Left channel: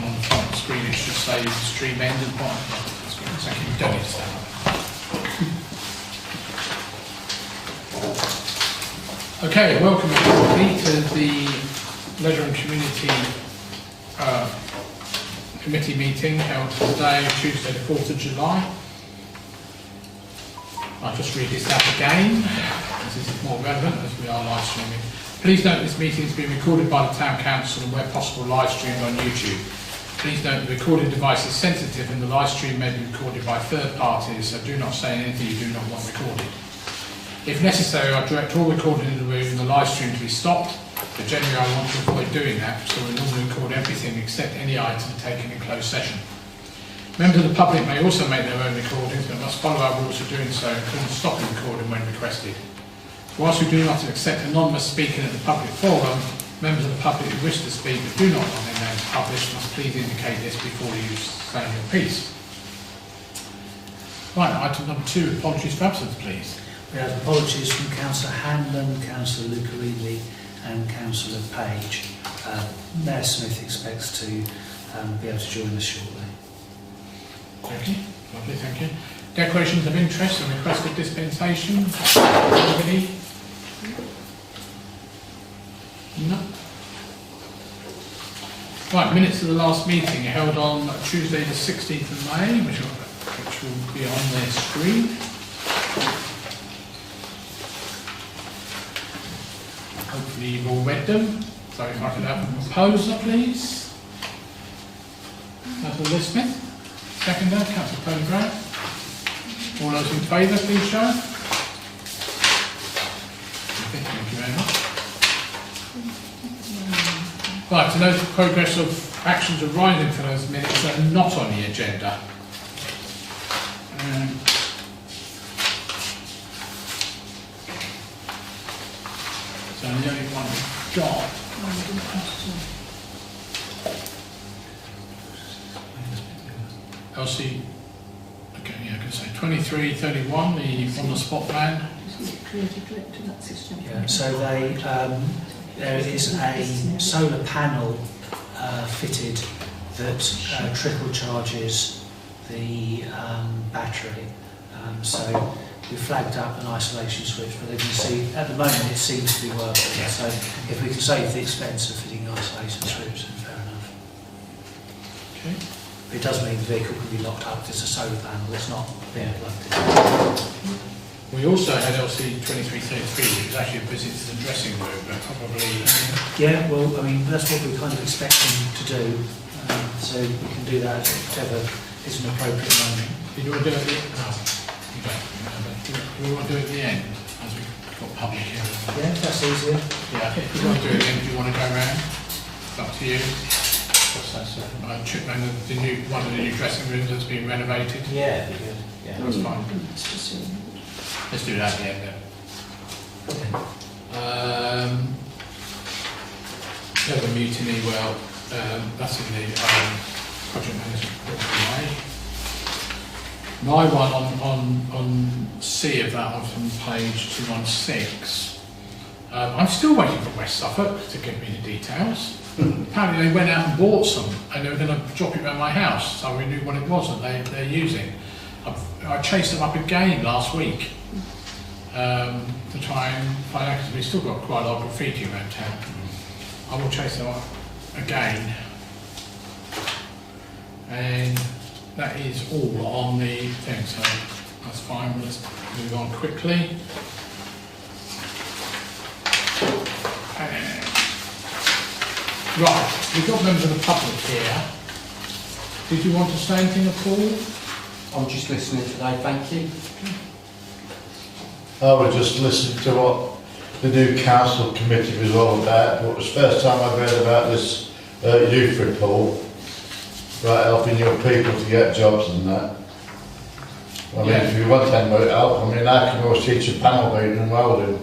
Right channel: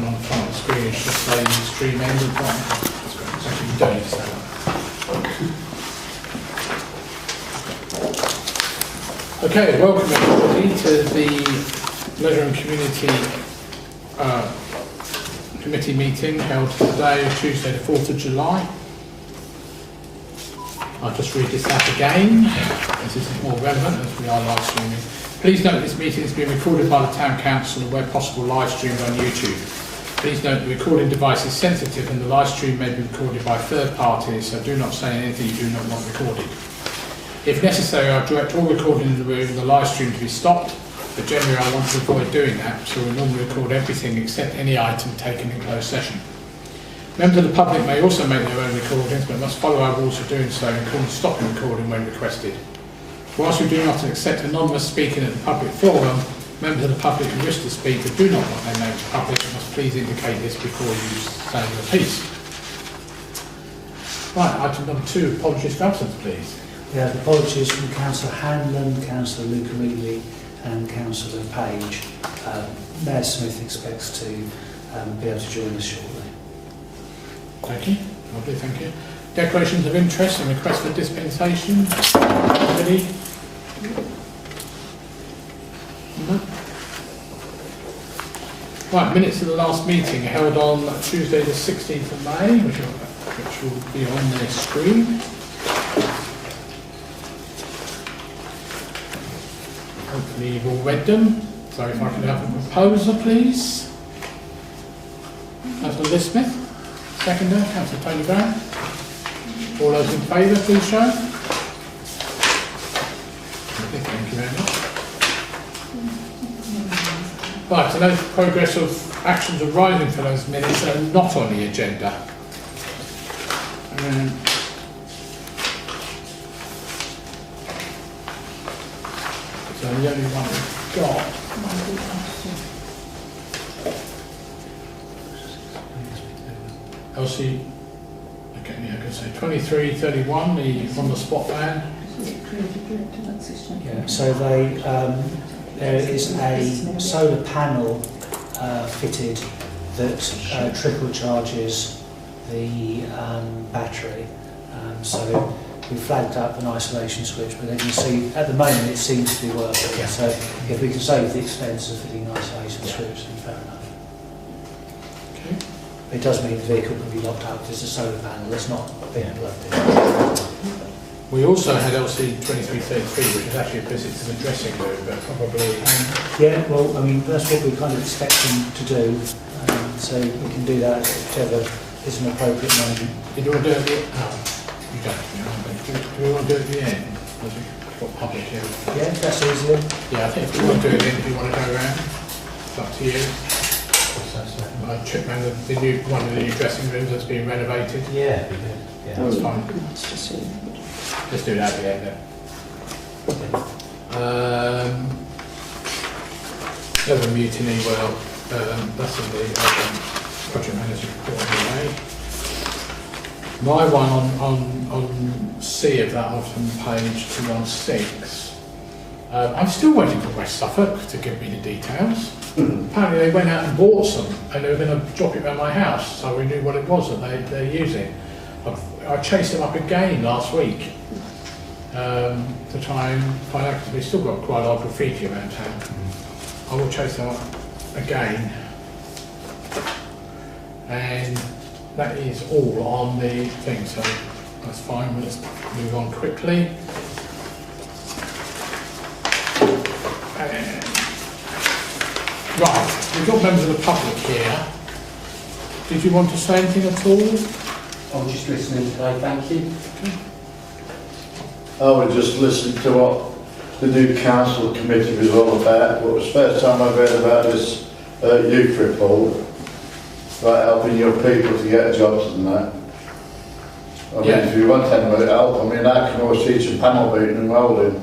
button on the screen, it should say stream ended button. That's great. So you don't need to say that. Okay, welcome everybody to the Leisure and Community Committee meeting held today, Tuesday the 4th of July. I'll just read this out again, as this is more relevant as we are live streaming. Please note this meeting is being recorded by the Town Council and where possible live streamed on YouTube. Please note the recording device is sensitive and the live stream may be recorded by third parties, so do not say anything you do not want recorded. If necessary, I'll direct all recording in the room and the live stream to be stopped, but generally I want to avoid doing that, so we normally record everything except any item taken in closed session. Members of the public may also make their own recordings, but must follow our rules for doing so, including stopping recording when requested. Whilst we do not accept anonymous speaking at the public forum, members of the public who wish to speak but do not want their names published must please indicate this before you say your piece. Right, item number 2, apologies for absence, please. We have apologies from Councillor Hanlon, Councillor Lucarelli and Councillor Page. Mayor Smith expects to be able to join us shortly. Thank you. Lovely, thank you. Declarations of interest and request for dispensation. Ready? No. Right, minutes of the last meeting held on Tuesday the 16th of May, which will be on the screen. Hopefully you've all read them. So if I could have a proposer, please. Councillor Liz Smith. Seconder, Councillor Tony Brown. All those in favour, please show. Thank you very much. Right, to note the progress of actions arising from those minutes that are not on the agenda. So the only one we've got. Elsie, okay, yeah, I can say 2331, the on the spot plan. Yeah, so there is a solar panel fitted that triple charges the battery. So we flagged up an isolation switch, but as you see, at the moment it seems to be working. Yeah. So if we can save the expense of fitting an isolation switch, then fair enough. Okay. It does mean the vehicle can be locked up because it's a solar panel that's not being plugged in. We also had LC 2333, which is actually a visit to the dressing room, but probably... yeah, well, I mean, that's what we kind of expect them to do. So we can do that whichever is an appropriate moment. Did you want to do it at the end? No, you don't. Do we want to do it at the end? As we've got public here. Yeah, that's easier. Yeah, I think if you want to do it then, if you want to go around, it's up to you. I checked around the new one of the new dressing rooms that's being renovated. Yeah, good. Yeah, that's fine. Let's do that at the end then. The other mutiny, well, that's in the project manager report anyway. My one on C of that off on page 216. I'm still waiting for West Suffolk to give me the details. Apparently they went out and bought some and they were going to drop it around my house, so we knew what it was that they're using. I chased them up again last week to try and find out, because we've still got quite a lot of graffiti around town. I will chase them up again. And that is all on the thing, so that's fine. Well, let's move on quickly. Right, we've got members of the public here. Did you want to say anything at all? I'm just listening today, thank you. I was just listening to what the new council committee was all about. It was the first time I've heard about this youth report, like helping your people to get jobs and that. I mean, if you want them help, I mean, I can always teach them panel beating and welding.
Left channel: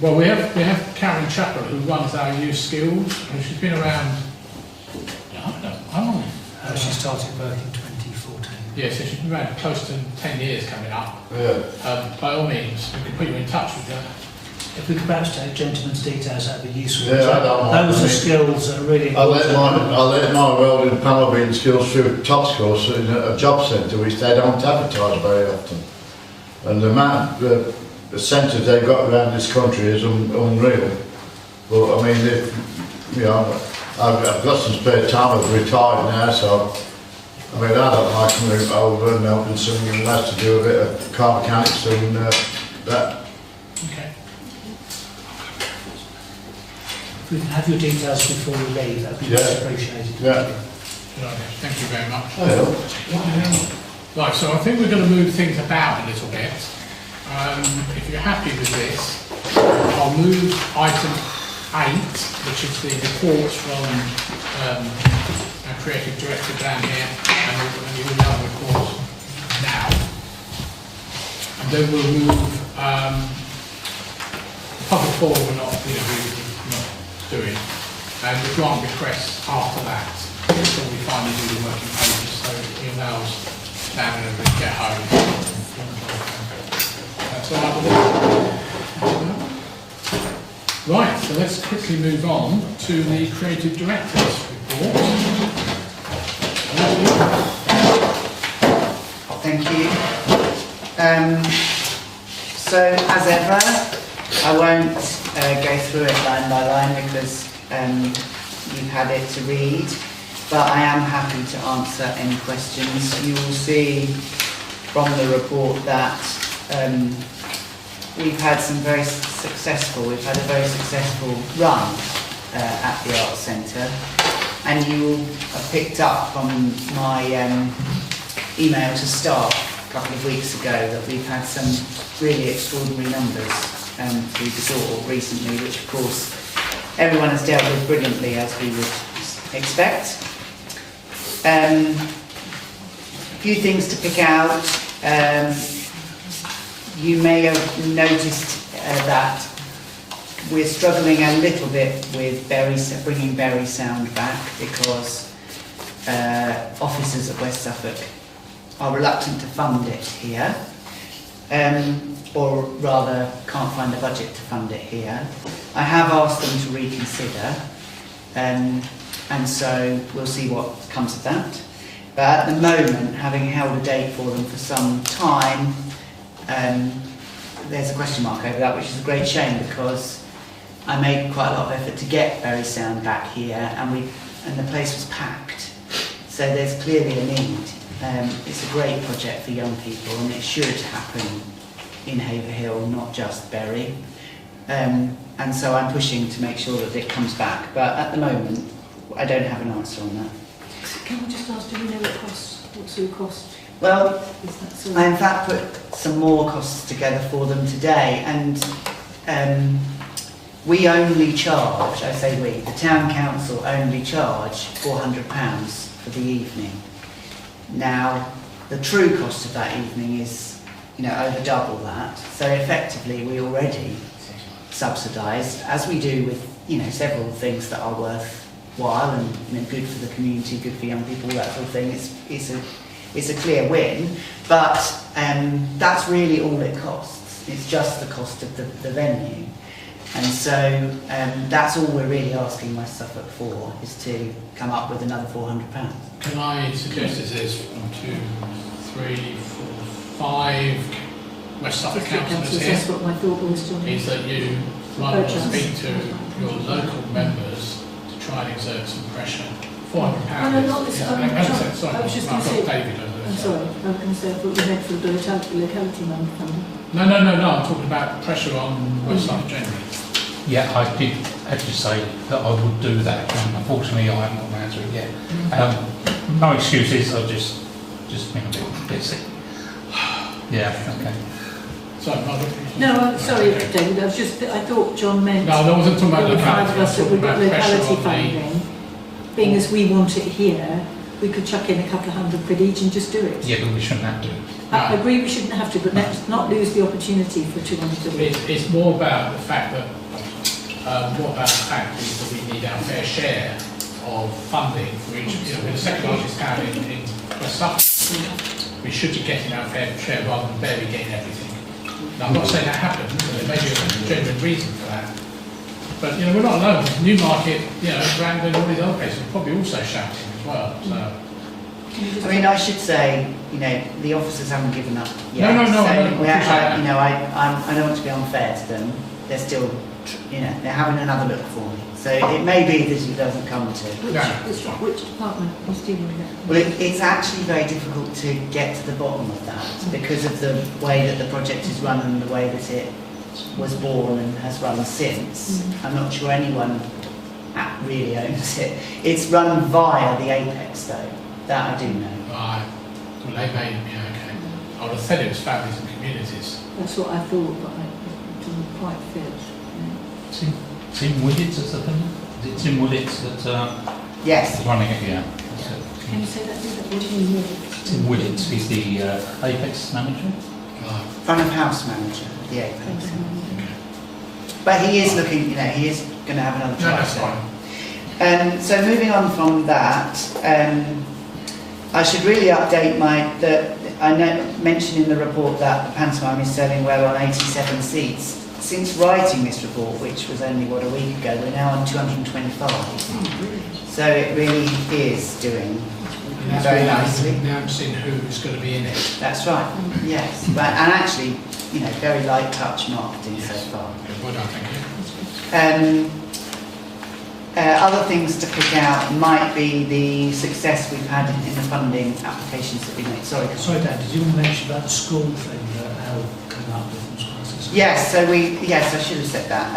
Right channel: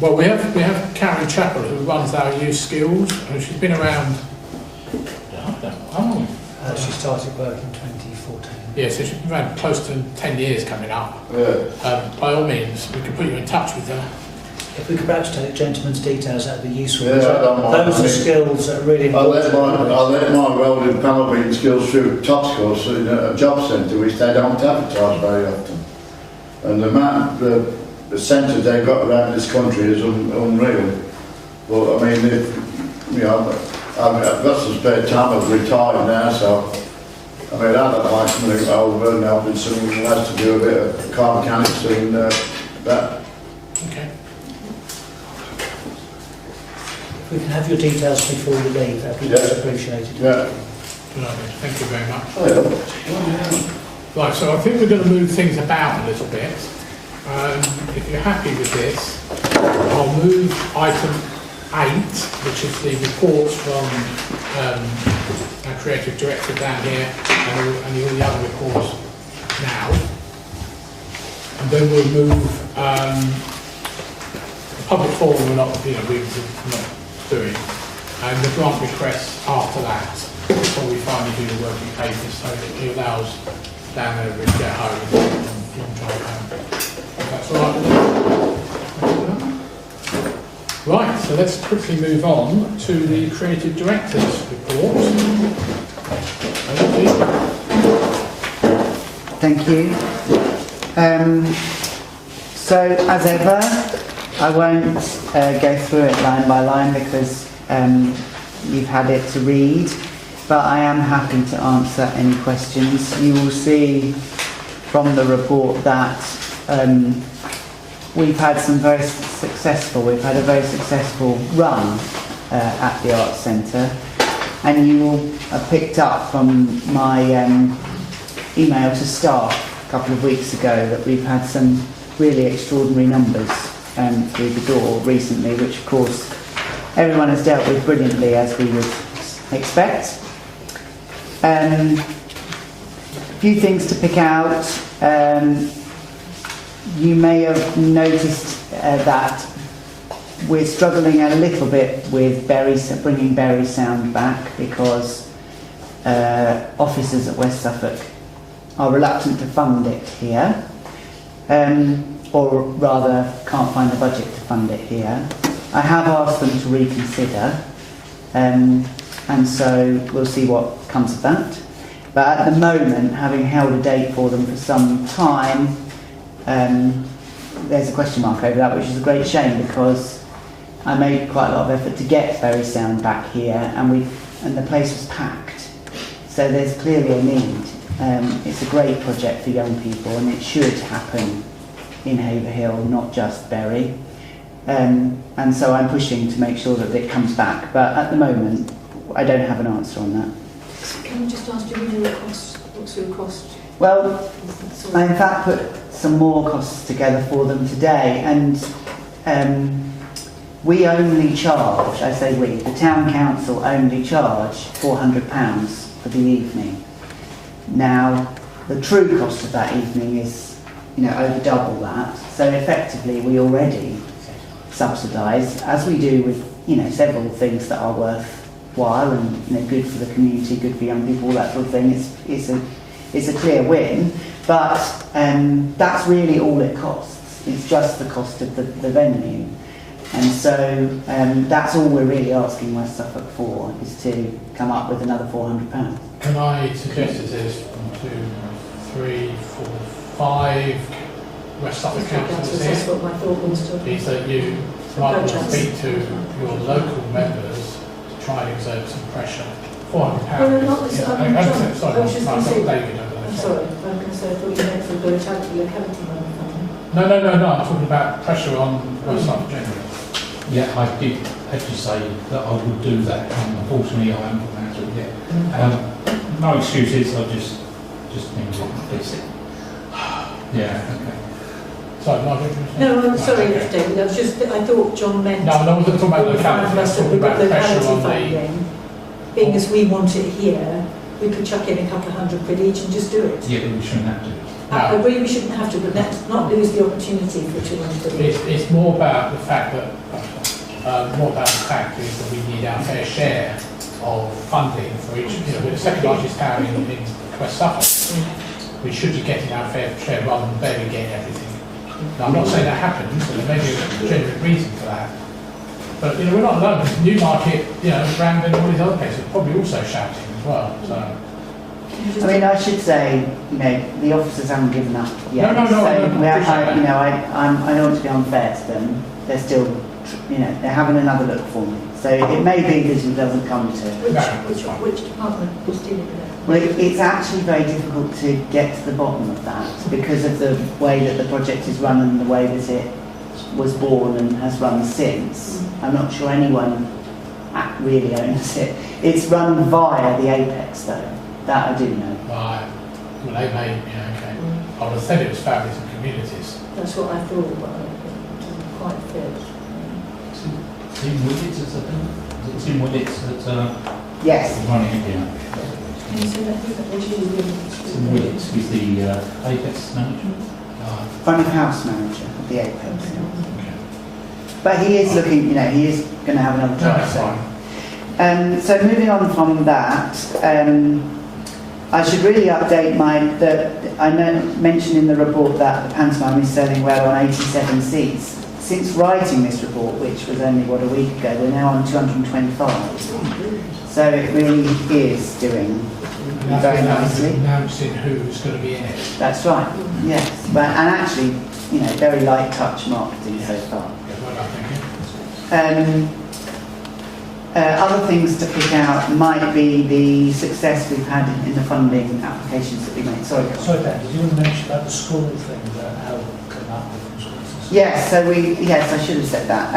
Well, we have Karen Chappell who runs our youth skills, and she's been around. How long? She started work in 2014. Yeah, so she's been around close to 10 years coming up. Yeah. By all means, we can put you in touch with her. If we could perhaps take gentlemen's details, that'd be useful. Yeah, I don't mind. Those are skills that are really I important. learnt my welding panel beating skills through Tops course in a job centre, which they don't advertise very often. And the amount, the centres they've got around this country is unreal. But I mean, you know, I've got some spare time. I've retired now, so I mean, I don't mind coming over and helping some lads to do a bit of car mechanics and that. Okay. If we can have your details before we leave, that'd be much appreciated. Yeah. Good idea. Thank you very much. Yeah. Right, so I think we're going to move things about a little bit. If you're happy with this, I'll move item 8, which is the reports from our creative director down here, and the all other reports now. And then we'll move public forum we're not, we're not doing, and the grant requests after that, before we finally do the working papers, so it allows down there to get home. That's all right. Right, so let's quickly move on to the creative director's report. Thank you. So, as ever, I won't go through it line by line because you've had it to read, but I am happy to answer any questions. You will see from the report that we've had a very successful run at the Arts Centre, and you will have picked up from my email to staff a couple of weeks ago that we've had some really extraordinary numbers through the door recently, which of course everyone has dealt with brilliantly, as we would expect. A few things to pick out. You may have noticed that we're struggling a little bit with bringing Bury Sound back because officers at West Suffolk are reluctant to fund it here, or rather can't find the budget to fund it here. I have asked them to reconsider, and so we'll see what comes of that. But at the moment, having held a date for them for some time, there's a question mark over that, which is a great shame because I made quite a lot of effort to get Bury Sound back here, and the place was packed. So there's clearly a need. It's a great project for young people, and it should happen in Haverhill, not just Bury. And so I'm pushing to make sure that it comes back. But at the moment, I don't have an answer on that. Can I just ask, do you know what sort of cost? Well, I in fact put some more costs together for them today, and we only charge, I say we, the town council only charge £400 for the evening. Now, the true cost of that evening is, over double that. So effectively, we already subsidise, as we do with, several things that are worthwhile and, good for the community, good for young people, all that sort of thing. It's a clear win, but that's really all it costs. It's just the cost of the venue. And so that's all we're really asking West Suffolk for, is to come up with another £400. Can I suggest that there's 1, 2, 3, 4, 5 West Suffolk councillors here? That's what my thought was to. Is that you might speak to your local members to try and exert some pressure. £400. No, not this. Sorry, I was just going to say. David over there. I'm sorry. I'm going to say I thought you meant for the locality money fund. No. I'm talking about pressure on West Suffolk generally. Yeah, I did actually say that I would do that, and unfortunately I haven't got an answer yet. No excuses, I've just been a bit sick. Yeah, okay. Sorry, Margaret. No, I'm sorry, David. I thought John meant. No, I wasn't talking about locality. I was the talking about pressure on the. funding. Being as we want it here, we could chuck in a couple of £100 each and just do it. Yeah, but we shouldn't have to. I agree we shouldn't have to, but let's not lose the opportunity for 200 It's more about the fact that what that fact is that we need our fair share of funding for each. We're the second largest town in West Suffolk. We should be getting our fair share rather than barely getting everything. Now, I'm not saying that happens, but there may be a genuine reason for that. But, we're not alone. Newmarket, Brandon, all these other places are probably also shouting as well, so. I mean, I should say, the officers haven't given up yet. No, So I don't want to be unfair to them. They're still, they're having another look for me. So it may be that it doesn't come to. Which department was dealing with that? Well, it's actually very difficult to get to the bottom of that because of the way that the project is run and the way that it was born and has run since. I'm not sure anyone really owns it. It's run via the Apex though, that I do know. Well, they may, okay. I would have said it was families and communities. That's what I thought, but I didn't quite fit. Tim Wooditts is the Is it Tim Wooditts that Yes. is running it? Yeah. Can you say that? What do you mean? Tim Wooditts, he's the Apex manager. Front of house manager of the Apex. But he is looking, he is going to have another try. That's fine. So moving on from that, I should really update I mentioned in the report that the pantomime is selling well on 87 seats. Since writing this report, which was only, a week ago, we're now on 225. So it really is doing very nicely. Announcing who's going to be in it. That's right, yes. And actually, very light touch marketing so far. Other things to pick out might be the success we've had in the funding applications that we made. Sorry, Dan, did you want to mention about the school thing that Hal came up with? Yes, I should have said that.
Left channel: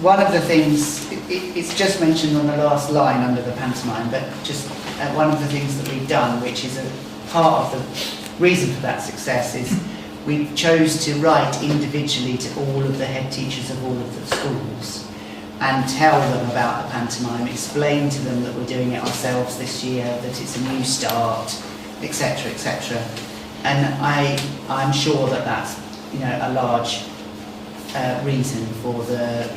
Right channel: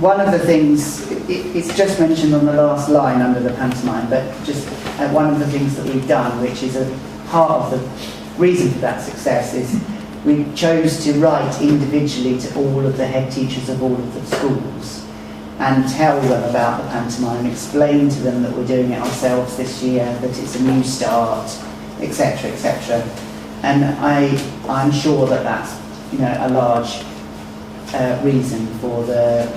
One of the things, it's just mentioned on the last line under the pantomime, but just one of the things that we've done, which is a part of the reason for that success, is we chose to write individually to all of the head teachers of all of the schools and tell them about the pantomime, explain to them that we're doing it ourselves this year, that it's a new start, etc., etc. And I'm sure that that's a large reason for the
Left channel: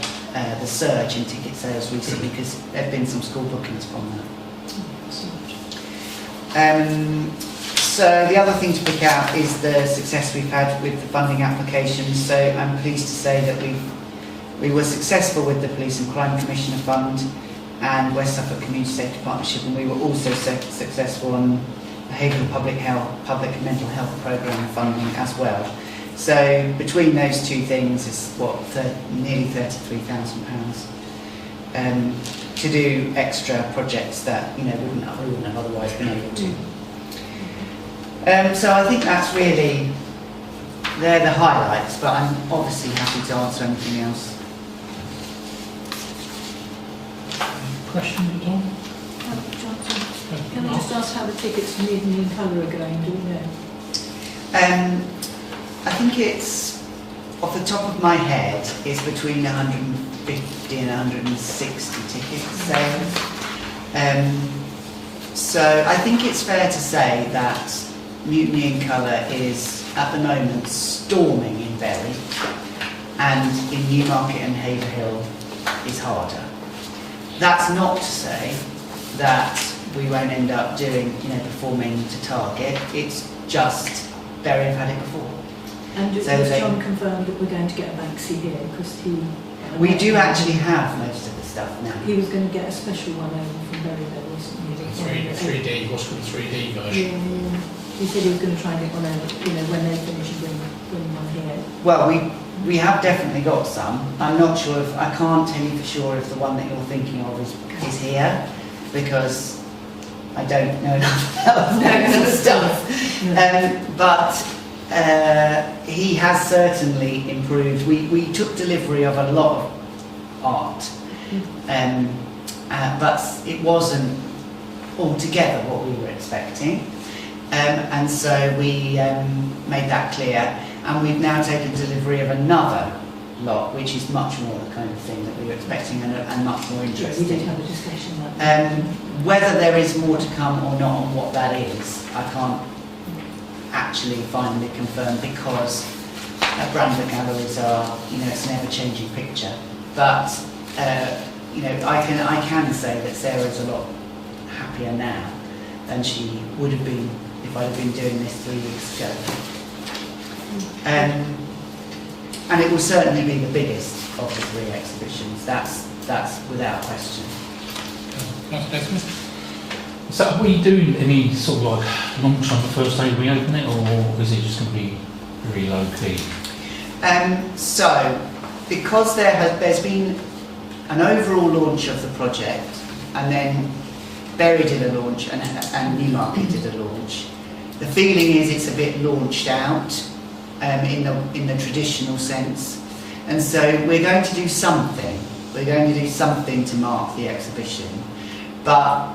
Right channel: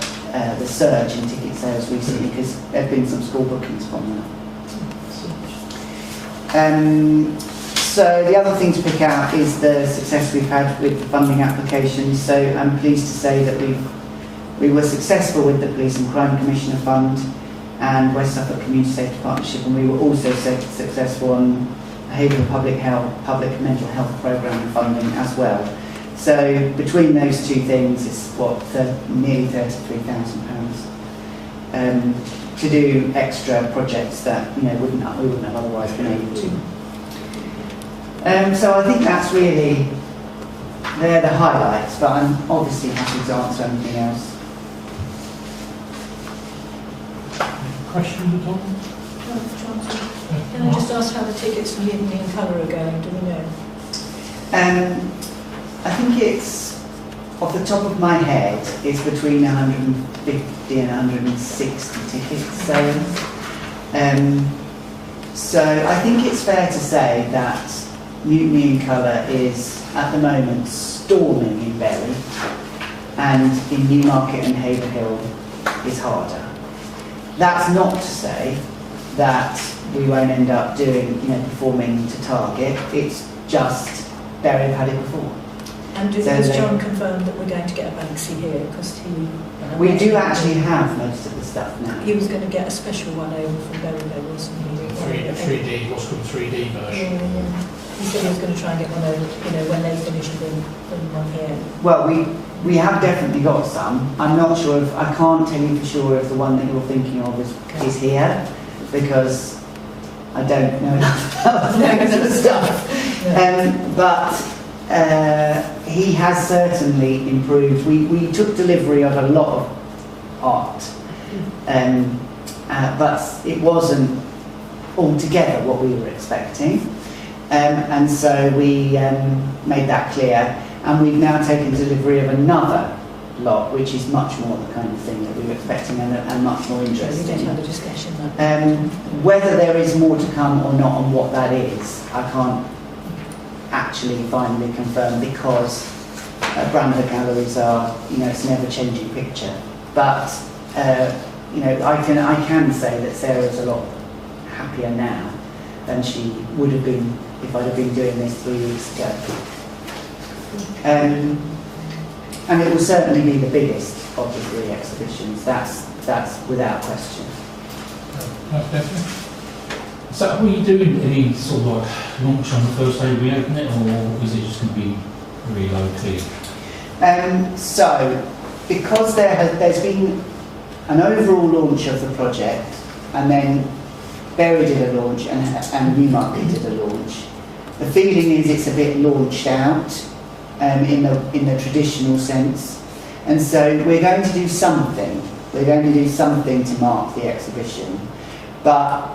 surge in ticket sales recently, because there have been some school bookings from that. So the other thing to pick out is the success we've had with funding applications. So I'm pleased to say that we were successful with the Police and Crime Commissioner Fund and West Suffolk Community Safety Partnership, and we were also successful on Haverhill Public Mental Health Programme funding as well. So between those two things, it's nearly £33,000 to do extra projects that we wouldn't have otherwise been able to. So I think they're the highlights, but I'm obviously happy to answer anything else. Question, Tom? Can I just ask how the tickets for Evening and Colour are going? Do we know? I think it's, off the top of my head, it's between 150 and 160 ticket sales. So I think it's fair to say that Mutiny in Colour is, at the moment, storming in Bury, and in Newmarket and Haverhill is harder. That's not to say that we won't end up performing to target. It's just Bury have had it before. And has John confirmed that we're going to get a Banksy here? Because we do actually have most of the stuff now. He was going to get a special one over from Bury, wasn't he? 3D, what's called the 3D version. Yeah. He said he was going to try and get one over, when they finish bring one here. Well, we have definitely got some. I'm not sure I can't tell you for sure if the one that you're thinking of is here, because I don't know enough about the stuff. Yeah. But he has certainly improved. We took delivery of a lot of art, but it wasn't altogether what we were expecting. And so we made that clear, and we've now taken delivery of another lot, which is much more the kind of thing that we were expecting and much more interesting. We did have a discussion. Whether there is more to come or not, and what that is, I can't actually finally confirm, because branded galleries are, it's an ever-changing picture. But I can say that Sarah's a lot happier now than she would have been if I'd have been doing this 3 weeks ago. And it will certainly be the biggest of the 3 exhibitions, that's without question. So are we doing any sort of like launch on the first day we open it, or is it just going to be really low key? So, because there's been an overall launch of the project, and then Berry did a launch and Newmarket did a launch, the feeling is it's a bit launched out in the traditional sense. And so we're going to do something. We're going to do something to mark the exhibition. But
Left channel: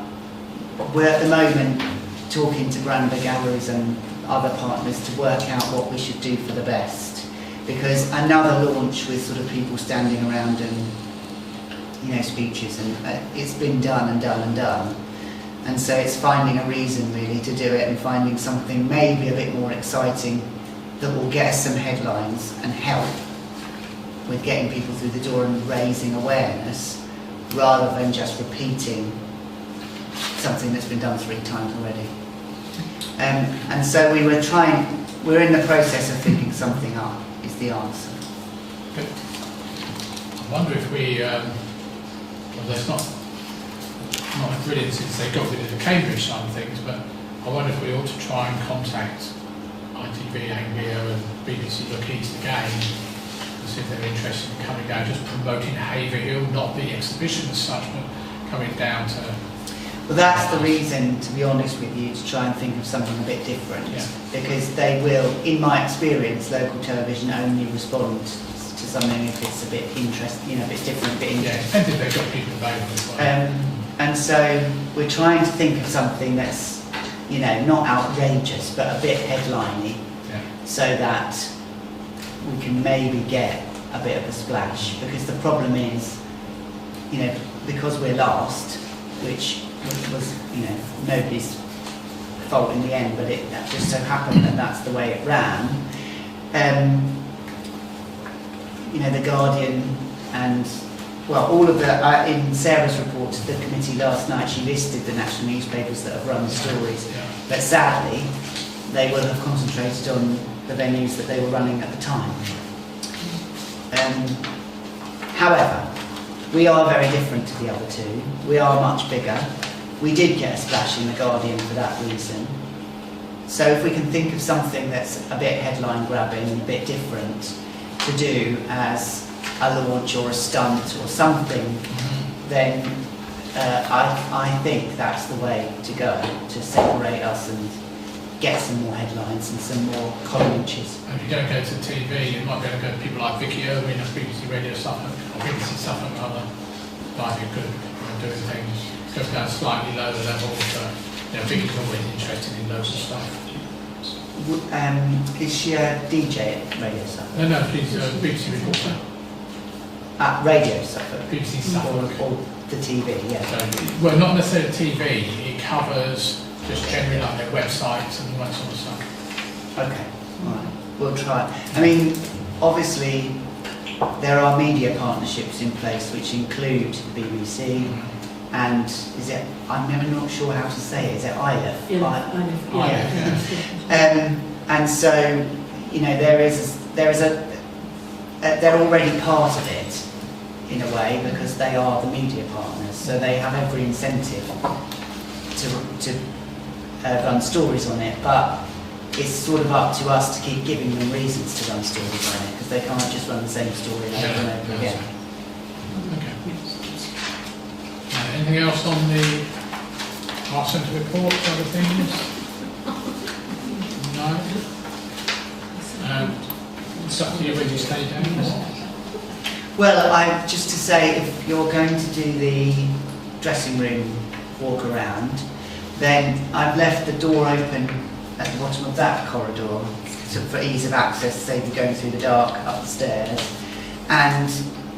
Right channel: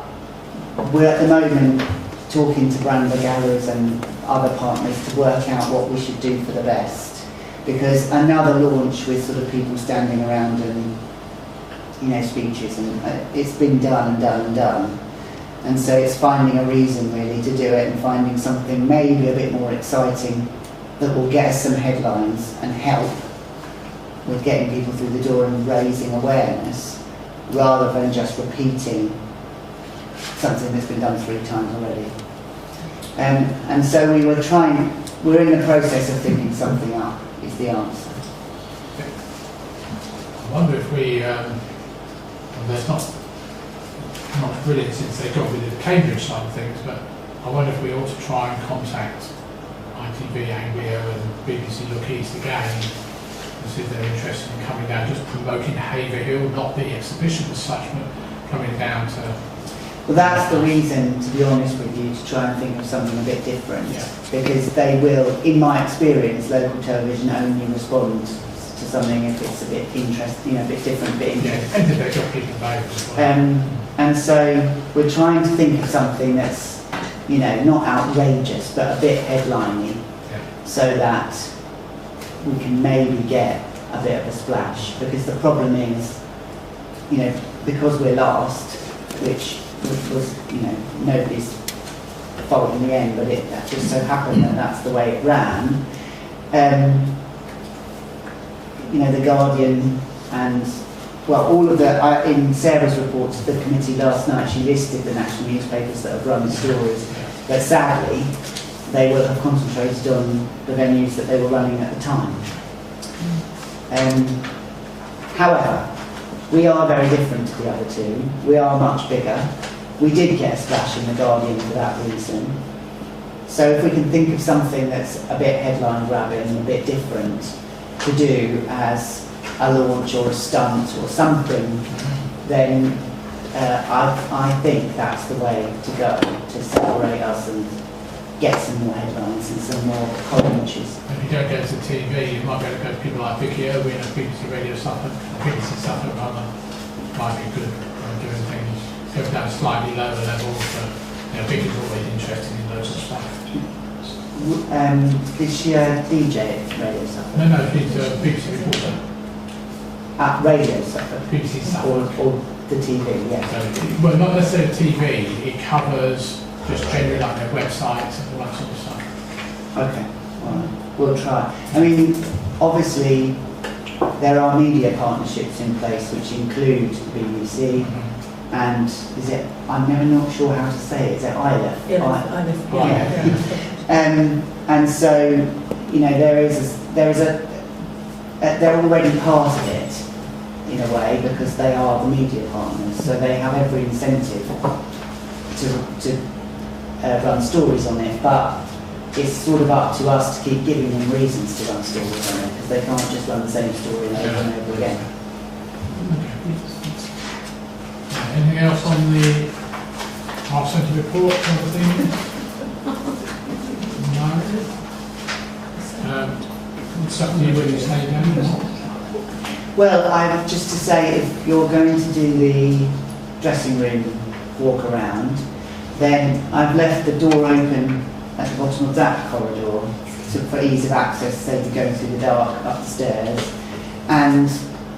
we're at the moment talking to Brander Galleries and other partners to work out what we should do for the best. Because another launch with sort of people standing around and, you know, speeches, and it's been done and done and done. And so it's finding a reason really to do it, and finding something maybe a bit more exciting that will get us some headlines and help with getting people through the door and raising awareness, rather than just repeating something that's been done 3 times already. And so we're in the process of thinking something up, is the answer. Okay. I wonder if we, well, there's not brilliant since they got rid of the Cambridge side of things, but I wonder if we ought to try and contact ITV, Anglia and BBC Look East again to see if they're interested in coming down, just promoting Haverhill, not the exhibition as such, but coming down to... Well, that's the reason, to be honest with you, to try and think of something a bit different. Yeah. Because they will, in my experience, local television only respond to something if it's a bit interesting, you know, a bit different, a bit Yeah, interesting. depends if they've got people available. And so we're trying to think of something that's, you know, not outrageous, but a bit headliney, Yeah. so that we can maybe get a bit of a splash. Because the problem is, you know, because we're last, which was, you know, nobody's fault in the end, but that just so happened that that's the way it ran. You know, the Guardian and, well, all of the, in Sarah's report to the committee last night, she listed the national newspapers that have run the stories, but sadly, they will have concentrated on the venues that they were running at the time. However, we are very different to the other 2. We are much bigger. We did get a splash in the Guardian for that reason. So if we can think of something that's a bit headline grabbing, a bit different to do as a launch or a stunt or something, then I think that's the way to go, to separate us and get some more headlines and some more commentaries. And if you don't go to TV, you might be able to go to people like Vicky Irwin of BBC Radio Suffolk, or BBC Suffolk rather, might be good at doing things. Go down slightly lower level, but you know, Vicky's always interested in loads of stuff. Is she a DJ at Radio Suffolk? No, she's a BBC reporter. At Radio Suffolk? BBC Suffolk. Or the TV, yeah. So, well, not necessarily TV, it covers just generally like their websites and all that sort of stuff. Okay, all right, we'll try. I mean, obviously, there are media partnerships in place which include the BBC, and is it, I'm never not sure how to say it, is it ILEF? Yeah, Yeah. And so, you know, they're already part of it, in a way, because they are the media partners, so they have every incentive to run stories on it, but it's sort of up to us to keep giving them reasons to run stories on it, because they can't just run the same story over and over again. Okay. Anything else on the Art Centre report, other things? No? It's up to you whether you stay down or not. Well, just to say, if you're going to do the dressing room walk around, then I've left the door open at the bottom of that corridor for ease of access, save you going through the dark up the stairs. And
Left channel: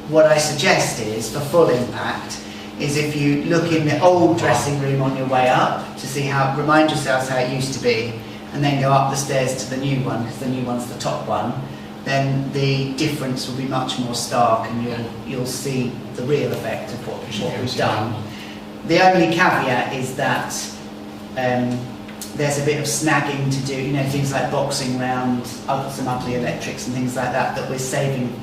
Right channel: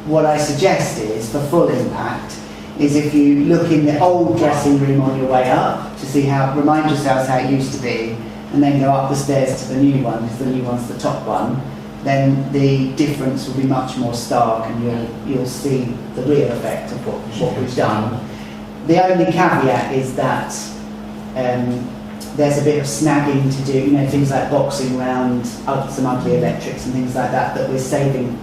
what I suggest is, for full impact, is if you look in the old dressing room on your way up to see how, remind yourselves how it used to be, and then go up the stairs to the new one, because the new one's the top one, then the difference will be much more stark, and you'll see the real effect of what we've done. The only caveat is that there's a bit of snagging to do, you know, things like boxing round, some ugly electrics and things like that, that we're saving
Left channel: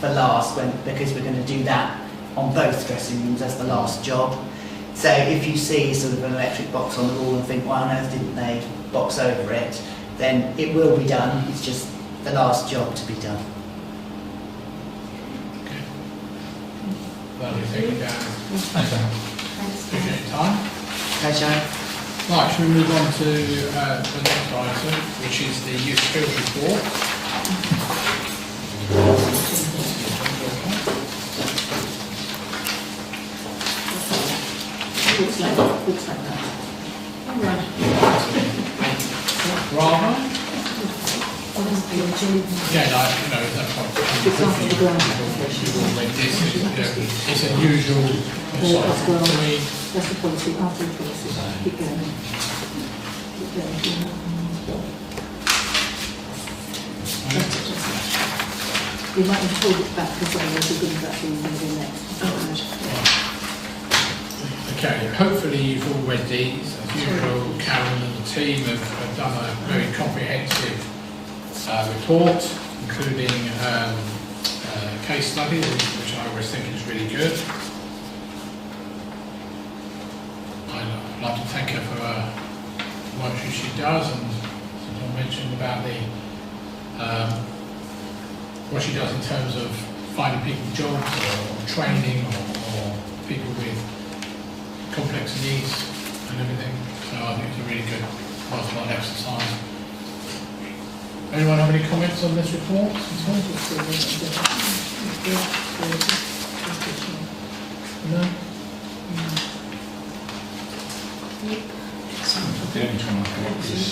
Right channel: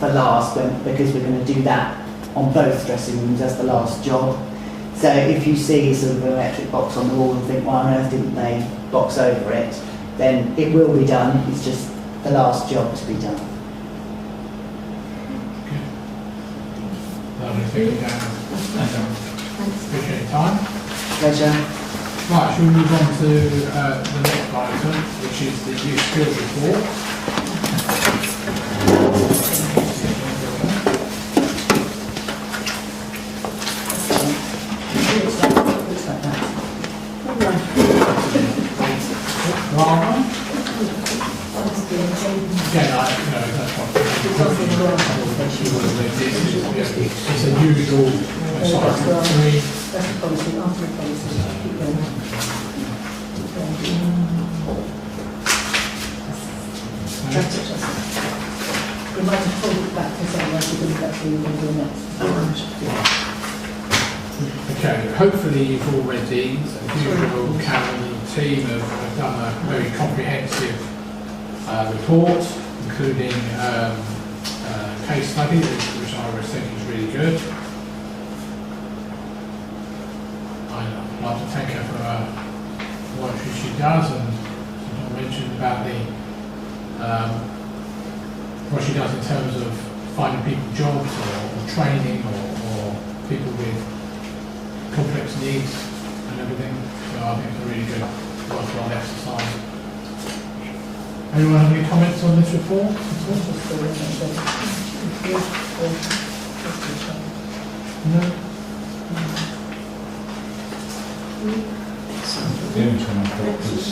for last, because we're going to do that on both dressing rooms as the last job. So if you see sort of an electric box on the wall and think, why on earth didn't they box over it, then it will be done. It's just the last job to be done. Lovely, thank you, Dan. Thank you. Appreciate your time. Pleasure. Right, shall we move on to the next item, which is the youth skills report. Looks like that. Rather? Yeah, no, that's what it's a usual cycle for me. That's the policy, after the policy. Keep going on. We might have talked about this, I guess, we'll do that in the next. Okay, hopefully you've all read these. As usual, Karen and the team have done a very comprehensive report, including a case study, which I always think is really good. I'd like to thank her for the work she does, and I mentioned about the what she does in terms of finding people jobs or training or people with complex needs and everything. So I think it's a really good, worthwhile exercise. Anyone have any comments on this report at all? No? The only time I got is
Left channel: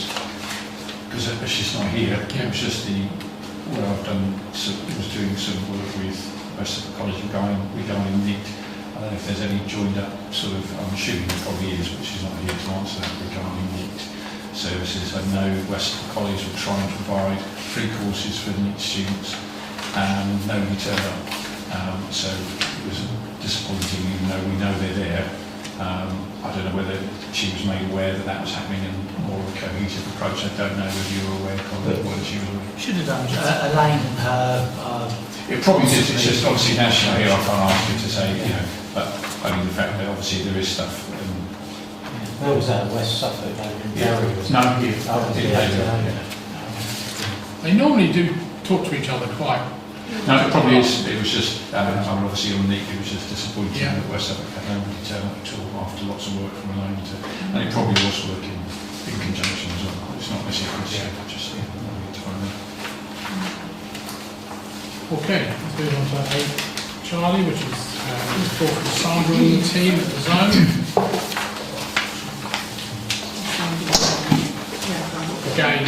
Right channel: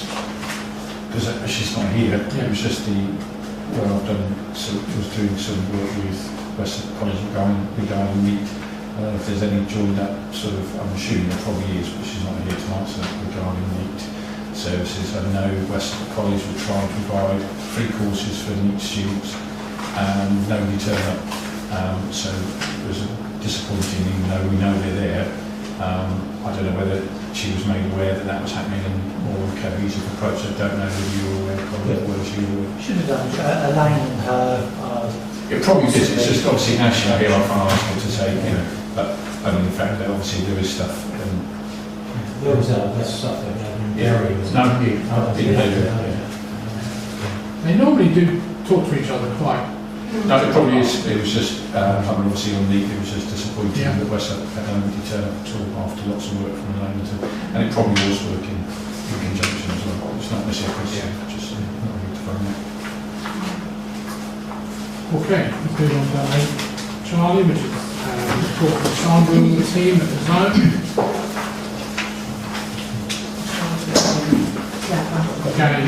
because she's not here. It was just where I've done. Was doing some work with West College regarding NEET. I don't know if there's any joined up sort of. I'm assuming there probably is, but she's not here to answer that regarding NEET services. I know West College will try and provide free courses for NEET students, and nobody turned up. So it was disappointing, even though we know they're there. I don't know whether she was made aware that that was happening in more of a cohesive approach. I don't know whether you were aware, Colin, whether she was aware. Should have done Elaine and her. It probably is. It's just obviously now she's here, I can't ask her to say, but I mean the fact that obviously there is stuff. Where was that? West Suffolk, in Derry? They normally do talk to each other quite. No, it probably is. It was just, obviously on NEET, it was just disappointing that West Suffolk didn't turn up at all after lots of work from Elaine. And it probably was working in conjunction as well. It's not necessarily just to find out. Okay, let's move on to Charlie, which is report for Sandra and the team at the zone. Again,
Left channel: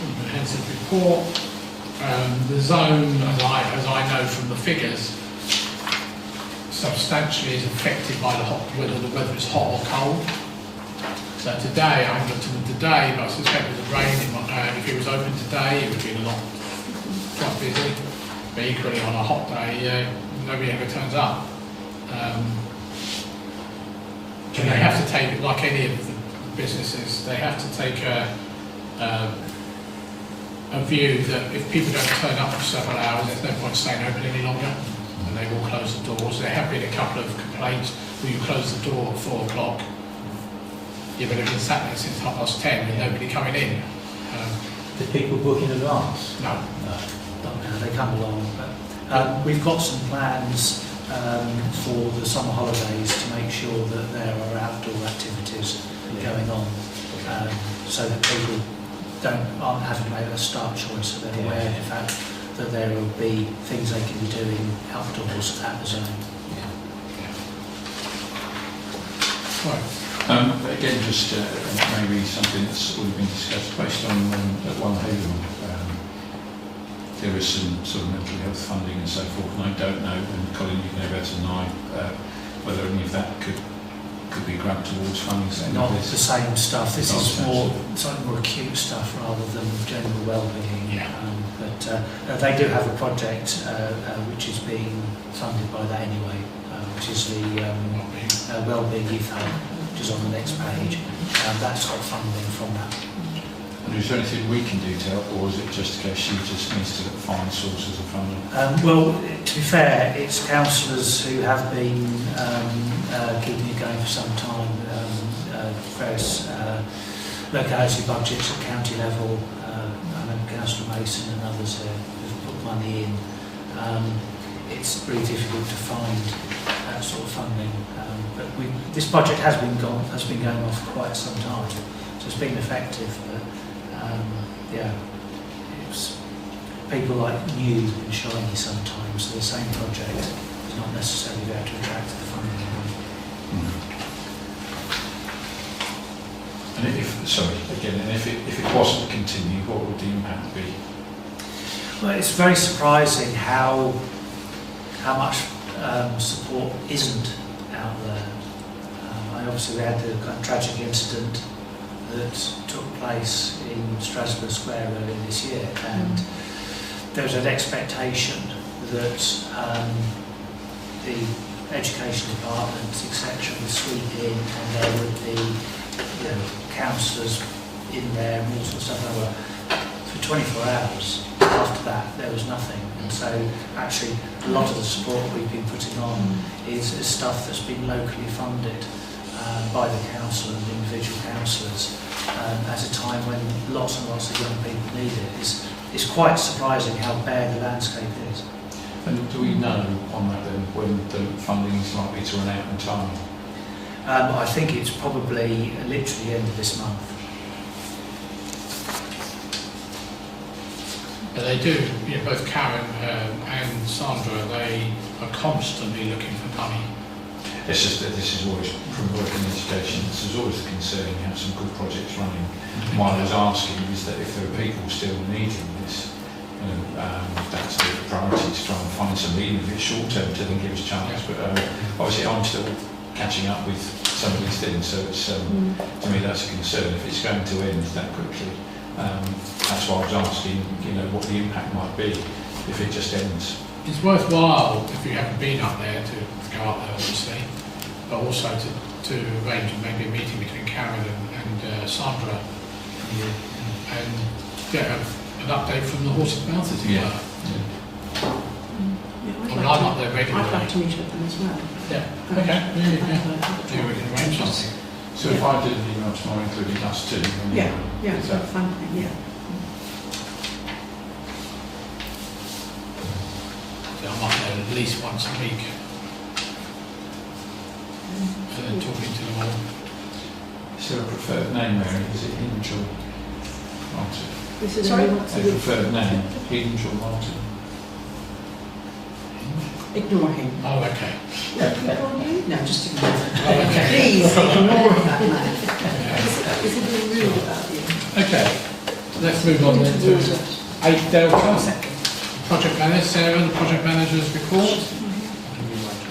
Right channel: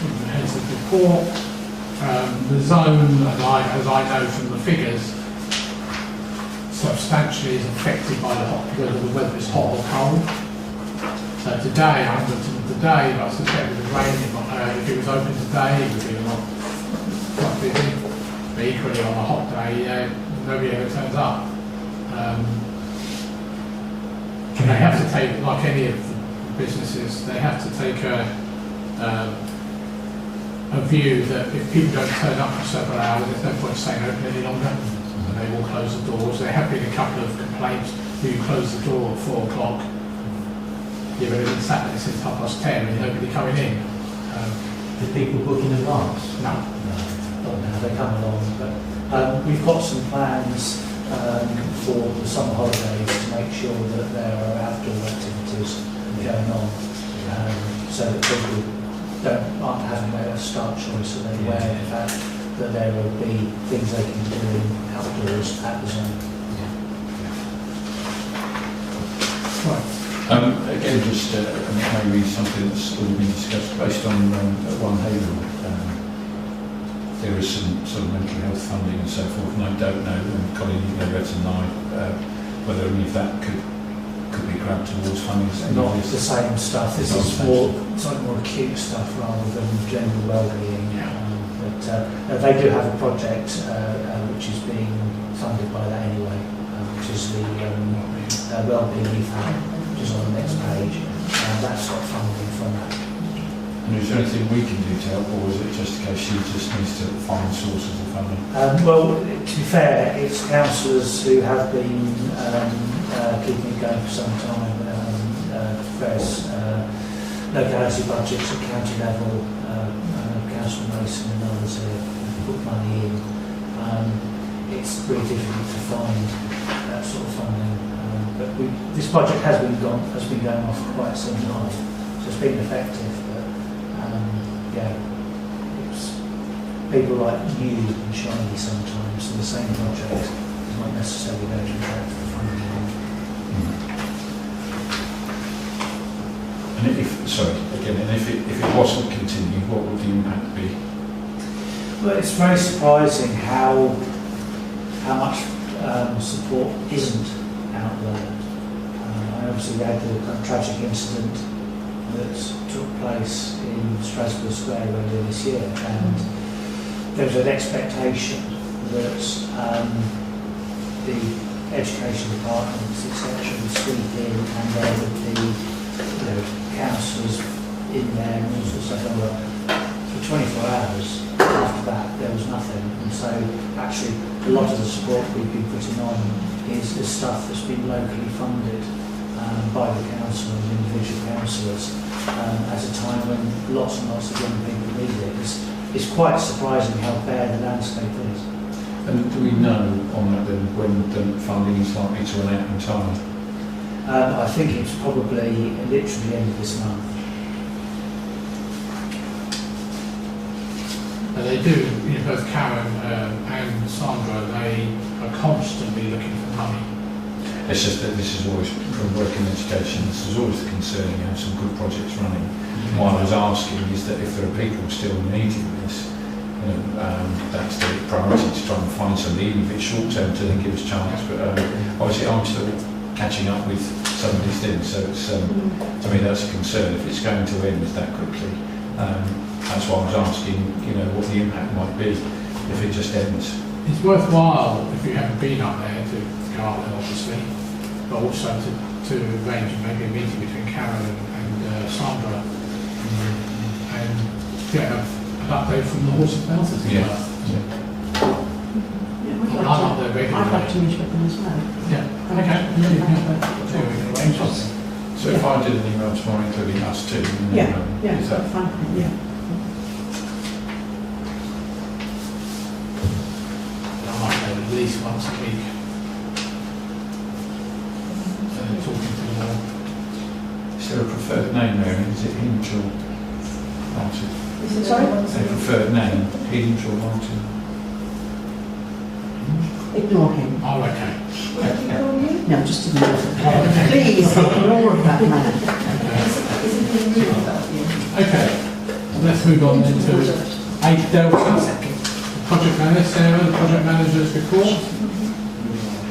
comprehensive report. The zone, as I know from the figures, substantially is affected by the whether it's hot or cold. So today, I haven't looked at it today, but I suspect with the rain, if it was open today, it would be a lot quite busy. But equally on a hot day, nobody ever turns up. And they have to take, like any of the businesses, they have to take a view that if people don't turn up for several hours, there's no point staying open any longer, and they will close the doors. There have been a couple of complaints where you close the door at 4 o'clock. You've been sat there since 10:30 and nobody coming in. Did people book in advance? No. Don't know how they come along, but we've got some plans for the summer holidays to make sure that there are outdoor activities going on, so that people aren't having to make a start choice, so they're aware of the fact that there will be things they can be doing outdoors at the zone. Right. Again, just maybe something that's already been discussed based on at One Haverhill. There is some sort of mental health funding and so forth, and I don't know, and Colin, you know better than I, whether any of that could be grabbed towards funding. Not the same stuff. This is more, slightly more acute stuff rather than general well-being. Yeah. But they do have a project which is being funded by that anyway, which is the Wellbeing Youth Hub, which is on the next page. That's got funding from that. And is there anything we can do to help, or is it just a case she just needs to find sources of funding? Well, to be fair, it's councillors who have been keeping it going for some time. Various locality budgets at county level, I know Councillor Mason and others have put money in. It's really difficult to find that sort of funding, but this project has been going on for quite some time, so it's been effective. But yeah, it's people like new and shiny sometimes. So the same project is not necessarily going to attract the funding. And if it wasn't continued, what would the impact be? Well, it's very surprising how much support isn't out there. I obviously had the kind of tragic incident that took place in Strasbourg Square earlier this year, and there was an expectation that the education departments, etc., would sweep in, and there would be councillors in there and all sorts of stuff. For 24 hours after that, there was nothing, and so actually a lot of the support we've been putting on is stuff that's been locally funded by the council and the individual councillors at a time when lots and lots of young people need it. It's quite surprising how bad the landscape is. And do we know on that then when the funding is likely to run out in time? I think it's probably literally the end of this month. But they do, both Karen and Sandra, they are constantly looking for money. It's just that this is always, from work in education, this is always the concern. You have some good projects running. What I was asking is that if there are people still needing this, that's the priority, to try and find some, even if it's short term, to then give us a chance. But obviously I'm still catching up with some of these things, so it's, to me that's a concern if it's going to end that quickly. That's why I was asking, what the impact might be if it just ends. It's worthwhile, if you haven't been up there, to go up there obviously, but also to arrange maybe a meeting between Karen and Sandra and get an update from the horse's mouth, as it were. I'm up there regularly. I'd like to meet with them as well. Yeah, okay. Maybe we can arrange something. So if I did an email tomorrow including us too, That's fine. Yeah. I'm up there at least once a week. So they're talking to them all. is there a preferred name, Mary? Is it Hinge or Martin? Sorry? A preferred name, Hinge or Martin? Ignore him. Oh, okay. No, just ignore him. Oh, okay. Please ignore that man. Isn't he rude about you? Okay, let's move on then to 8 Delta. Project manager, Sarah, the project manager's report.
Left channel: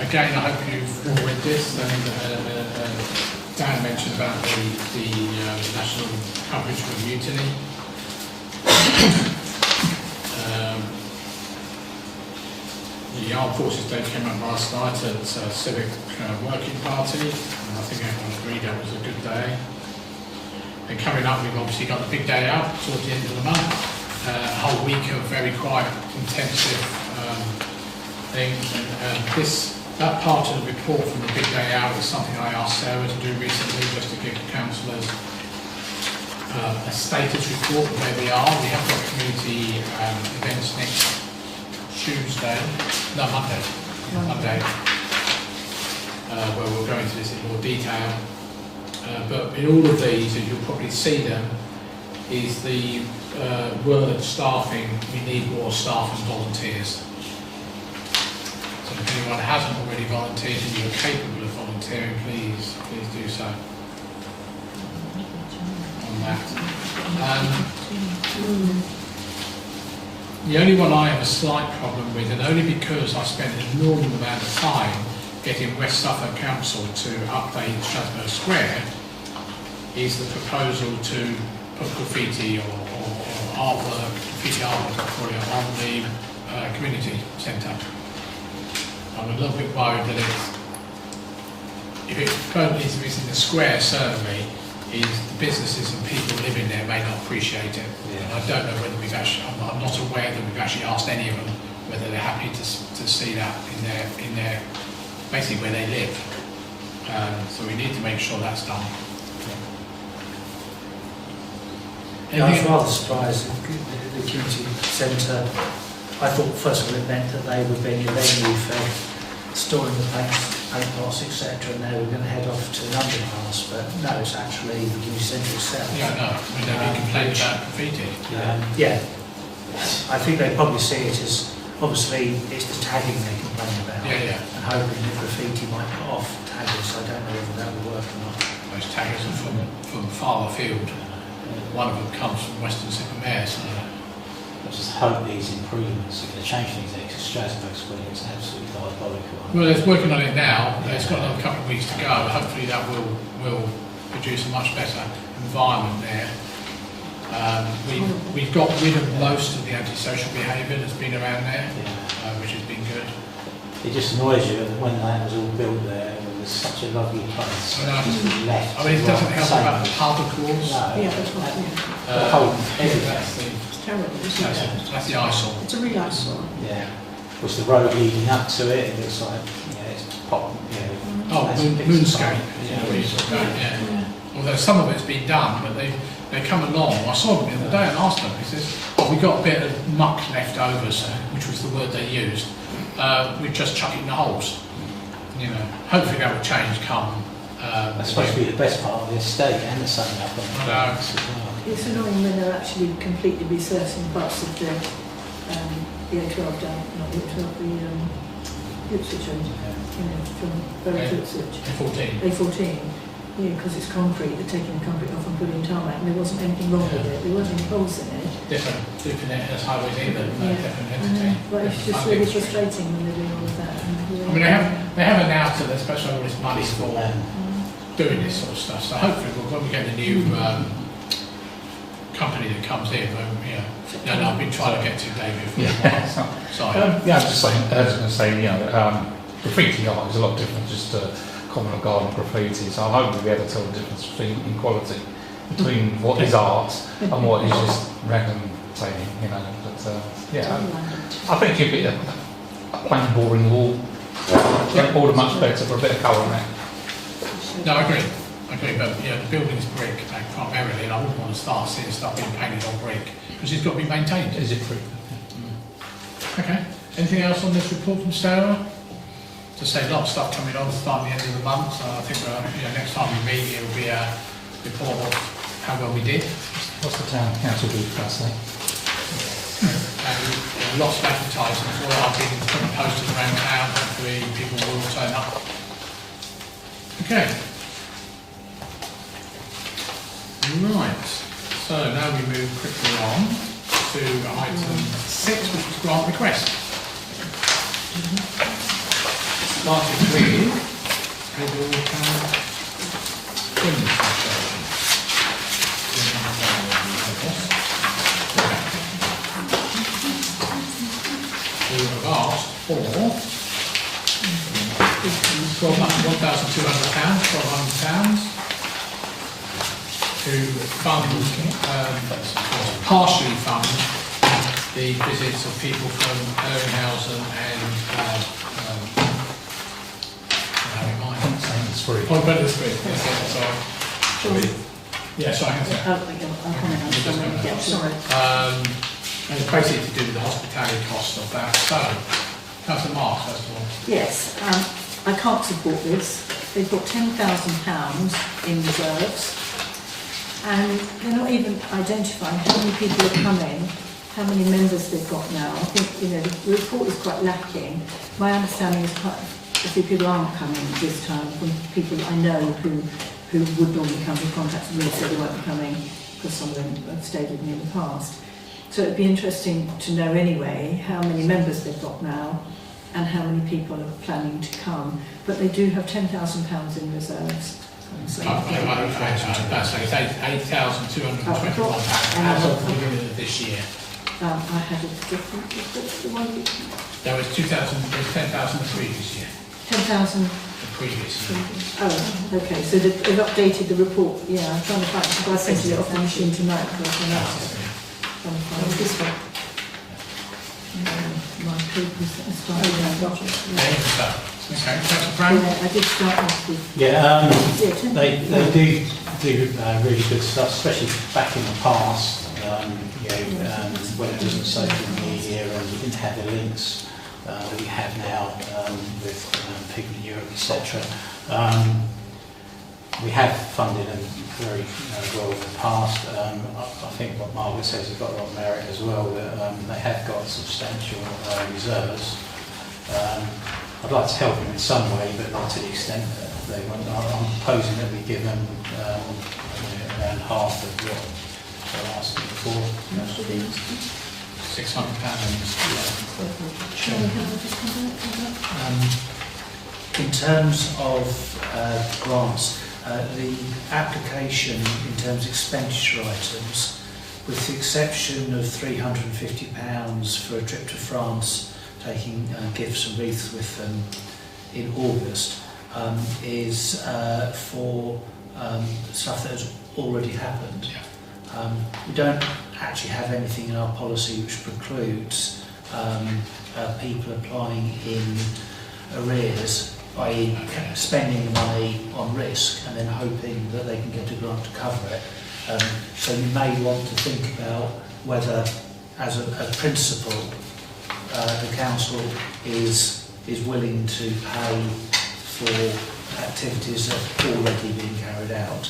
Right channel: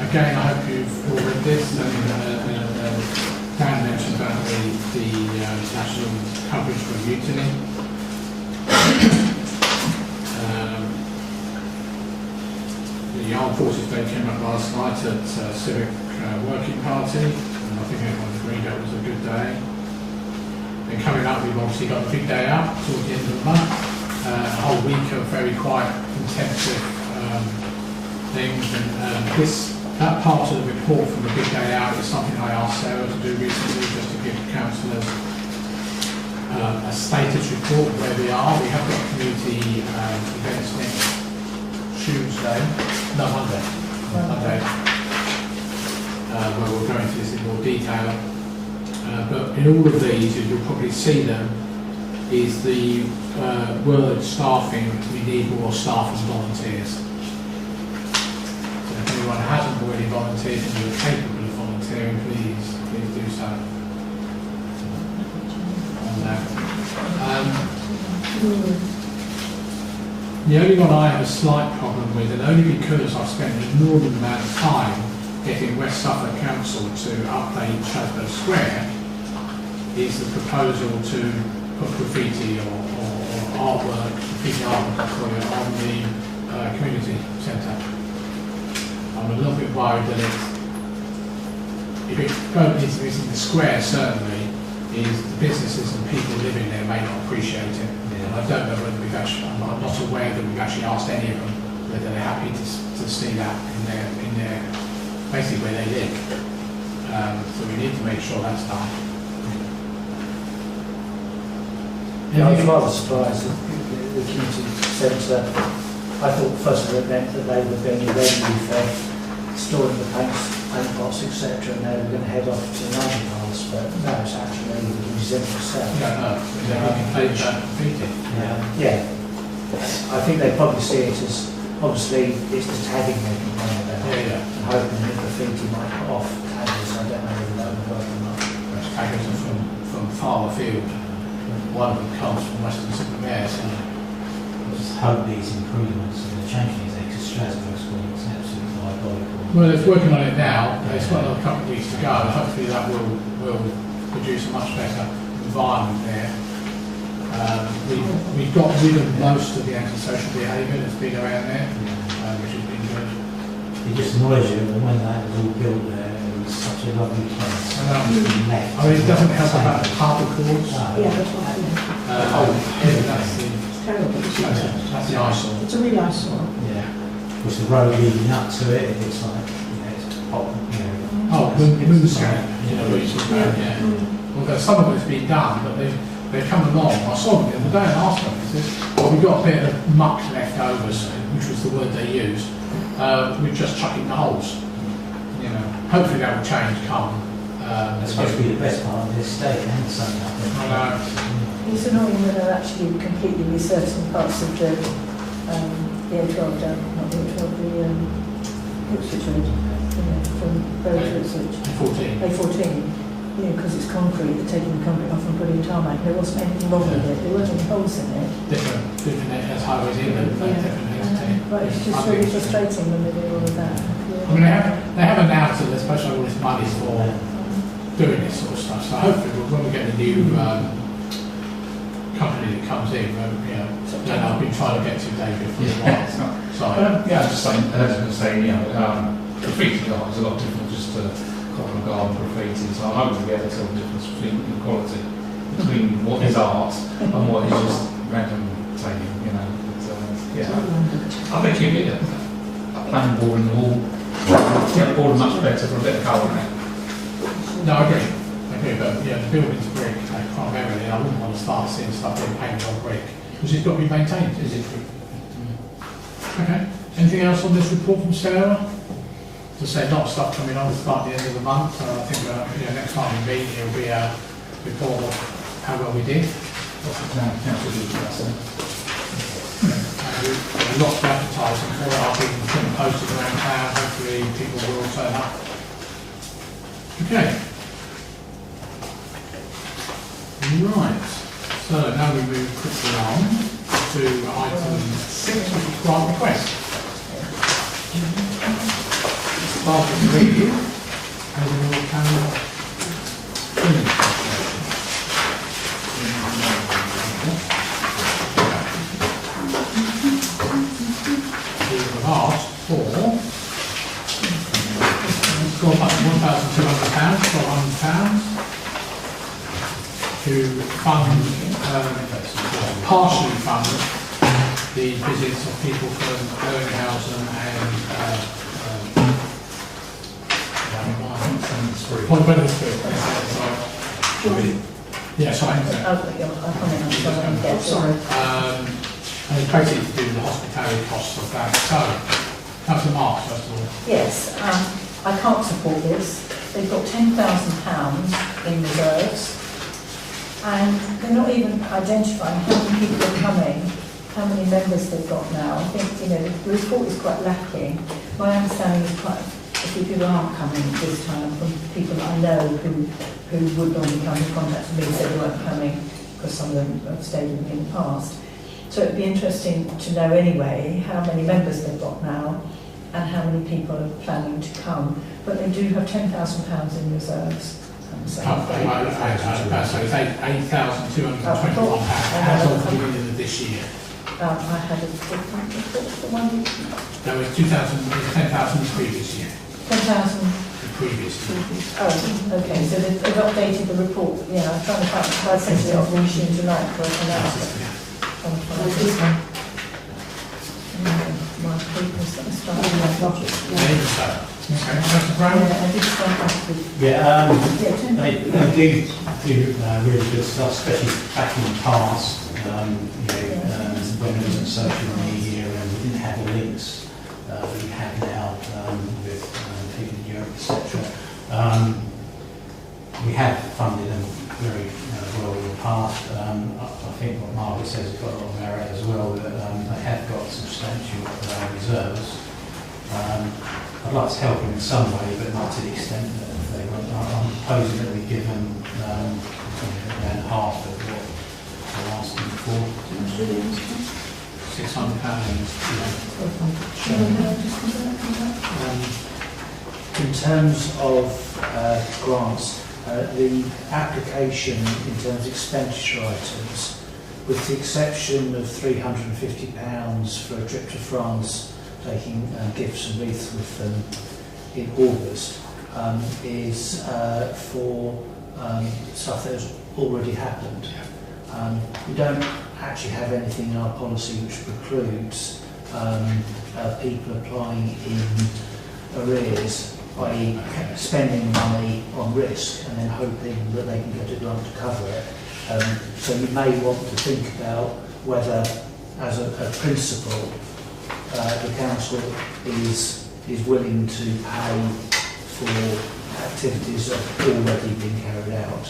Again, I hope you've all read this. Dan mentioned about the national coverage for the mutiny. The Armed Forces Day came up last night at Civic Working Party, and I think everyone agreed that was a good day. And coming up, we've obviously got the big day out towards the end of the month. A whole week of very quite intensive things, and that part of the report from the big day out is something I asked Sarah to do recently, just to give councillors a status report of where we are. We have got community events next Tuesday, no, Monday, where we'll go into this in more detail. But in all of these, as you'll probably see them, is the word staffing. We need more staff as volunteers. So if anyone hasn't already volunteered and you're capable of volunteering, please do so. On that. The only one I have a slight problem with, and only because I spent an inordinate amount of time getting West Suffolk Council to update Strasbourg Square, is the proposal to put graffiti or artwork, graffiti artwork on the community centre. I'm a little bit worried that if it permanently is in the square, certainly, is the businesses and people living there may not appreciate it. And I don't know whether we've actually, I'm not aware that we've actually asked any of them whether they're happy to see that in their basically where they live. So we need to make sure that's done. Yeah, I was rather surprised that the community centre, I thought first of all it meant that they would be any revenue for storing the paint pots, etc., and they were going to head off to the underpass, but no, it's actually the community centre itself. Yeah, no, we don't complain about defeated. Yeah, I think they probably see it as, obviously, it's the tagging they complain about. Yeah. And hoping that graffiti might put off taggers, I don't know whether that would work or not. Those taggers are from farther field. One of them comes from Weston-super-Mare, so I just hope these improvements are going to change things there, because Strasbourg School is absolutely diabolical. well, it's working on it now. It's got another couple of weeks to go. Hopefully that will produce a much better environment there. We've got rid of most of the antisocial behaviour that's been around there, which has been good. It just annoys you, and when that was all built there, it was such a lovely place. I know. Left. I mean, it doesn't help about the pub, of course. No. Yeah, that's right. That's It's terrible. the eyesore. It's a real eyesore. Yeah. Was the road leading up to it? It's like, it's pop, Oh, Moonscape. You know, we sort of go, yeah. Although some of it's been done, but they've come along. I saw them the other day and asked them. He says, "Well, we got a bit of muck left over, which was the word they used. We just chuck it in the holes. You know, hopefully that will change come. That's supposed to be the best part of the estate, and the sun up on the I know. It's annoying when they're actually completely researching parts of the A12 down, not the A12, the Ipswich end, from Bury to Ipswich. A14. A14, because it's concrete, they're taking the concrete off and putting tarmac. There wasn't anything wrong with it, there weren't any holes in it. Different as highways in them, different entity. But it's just really frustrating when they're doing all of that. I mean, they have announced that they're supposed to have all this money for doing this sort of stuff. So hopefully, when we get the new company that comes in, I've been trying to get to David for a while. Sorry. Yeah, I was just saying, I was going to say, graffiti art is a lot different just to common garden graffiti. So I hope we'll be able to tell the difference in quality between what is art and what is just random tagging, But I think if it a plain boring wall, all much better for a bit of colour, mate. No, I agree, but the building's brick primarily, and I wouldn't want to start seeing stuff being painted on brick, because it's got to be maintained. Is it true? Okay, anything else on this report from Sarah? To say, a lot of stuff coming on starting the end of the month, so I think next time we meet, it'll be a report of how well we did. What's the town council do for us then? Lots of advertising for it. I've been putting posters around town. Hopefully people will all turn up. Okay. Right. So now we move quickly on to item 6, which is grant request. Starting with Haverhill Town. Asked for £1,200 to fund, partially fund the visits of people from Herrenhausen and Point Wetherspoon. Sorry. Yeah, sorry. Sorry. And the proceeds to do with the hospitality costs of that. So, Councillor Mark, first of all. Yes, I can't support this. They've got £10,000 in reserves, and they're not even identifying how many people are coming, how many members they've got now. I think, the report is quite lacking. My understanding is quite a few people aren't coming this time from people that I know who would normally come in contact with me and say they won't be coming because some of them have stayed with me in the past. So it'd be interesting to know anyway how many members they've got now and how many people are planning to come. But they do have £10,000 in reserves. So That's like £8,221 as of the beginning of this year. I had a different report. The one That was 10,000 the previous year. 10,000 previous. Oh, okay, so they've updated the report. Yeah, I'm trying to find, I sent it off the machine tonight for an announcement. This one. My paper's going to start. Councillor Brown? I did start last week. Yeah, Yeah, they do really good stuff, especially back in the past. When it wasn't social media and we didn't have the links that we have now with people in Europe, etc. We have funded them very well in the past. I think what Margaret says has got a lot of merit as well, that they have got substantial reserves. I'd like to help them in some way, but not to the extent that they want. I'm proposing that we give them around half of what they're asking for. £600. In terms of grants, the application in terms of expenditure items, with the exception of £350 for a trip to France, taking gifts and wreaths with them in August, is for stuff that has already happened. We don't actually have anything in our policy which precludes people applying in arrears, i.e. spending money on risk and then hoping that they can get a grant to cover it. So you may want to think about whether, as a principle, the council is willing to pay for activities that have already been carried out.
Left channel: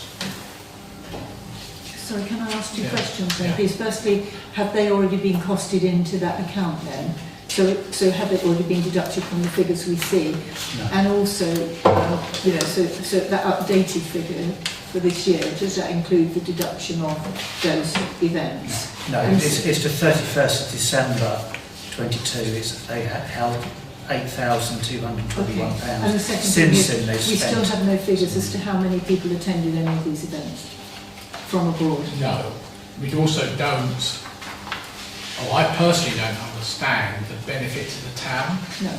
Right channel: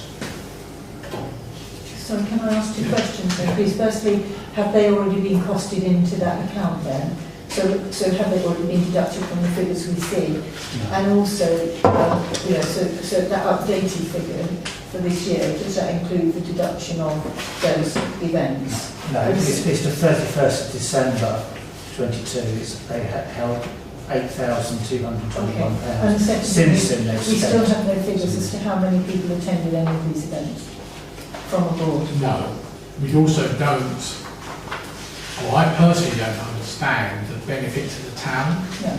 Sorry, can I ask two questions then, please? Firstly, have they already been costed into that account then? So have they already been deducted from the figures we see? No. And also, so that updated figure for this year, does that include the deduction of those events? No, it's the 31st of December 22. They had held £8,221. And the second Since thing then is, they've we still spent. have no figures as to how many people attended any of these events from abroad. No. We also don't, I personally don't understand the benefit to the town. No.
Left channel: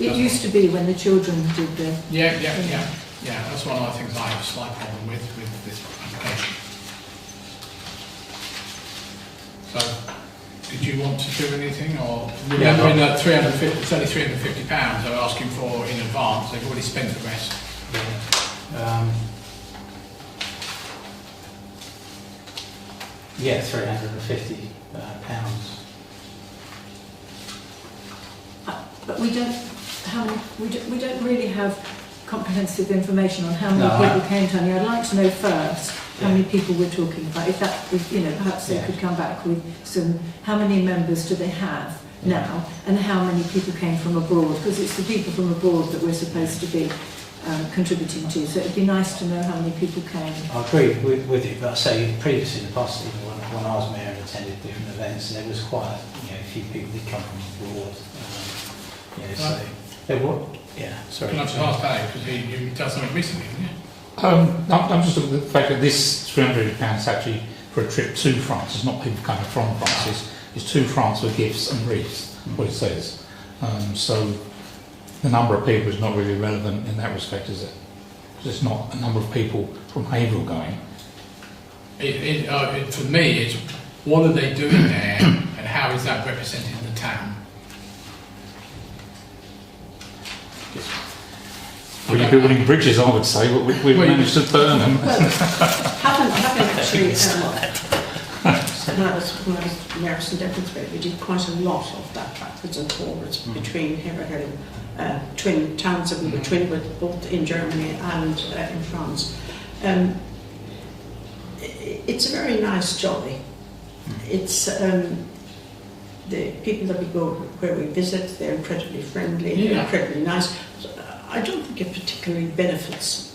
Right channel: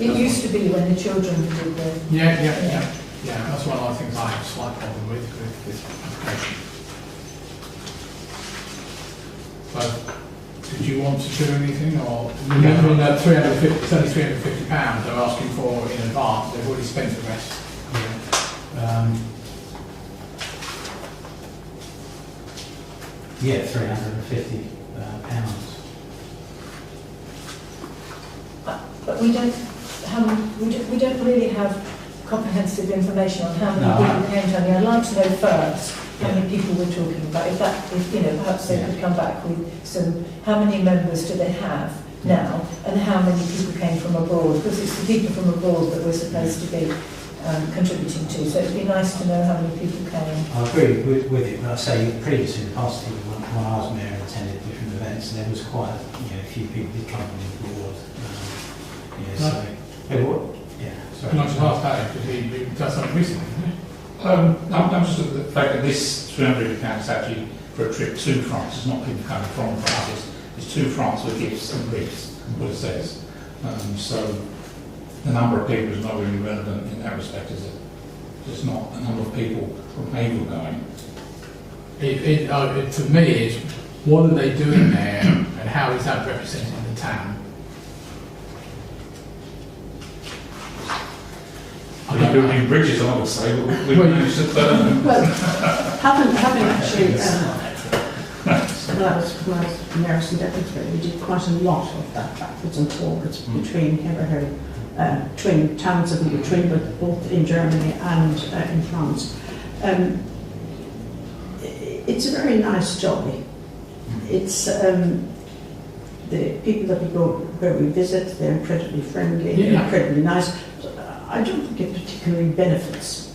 It used to be when the children did the... Yeah, that's one of the things I have a slight problem with this application. So, did you want to do anything, or remembering that it's only £350 they're asking for in advance, they've already spent the rest? Yeah, £350. But we don't really have comprehensive information on how many No, people came to me. I'd like to know first how many people we're talking about. If perhaps they could come back with some, how many members do they have now, and how many people came from abroad, because it's the people from abroad that we're supposed to be contributing to. So it'd be nice to know how many people came. I agree with you, but I say previously in the past, when I was mayor and attended different events, there was quite a few people that come from abroad. So they were, So can I just ask that, because you've done something recently, haven't you? I'm just looking at the fact that this £300 actually for a trip to France. It's not people coming from France. It's to France with gifts and wreaths, what it says. So the number of people is not really relevant in that respect, is it? Because it's not a number of people from Haverhill going. For me, it's what are they doing there, and how is that representing the town? We're building bridges, I would say, but we've managed to burn them. Having actually, when I was mayor of St Edmundsbury, we did quite a lot of that backwards and forwards between Haverhill, twin towns that we were twin with, both in Germany and in France. It's a very nice jolly. It's the people that we go where we visit, they're incredibly friendly, they're incredibly nice. I don't think it particularly benefits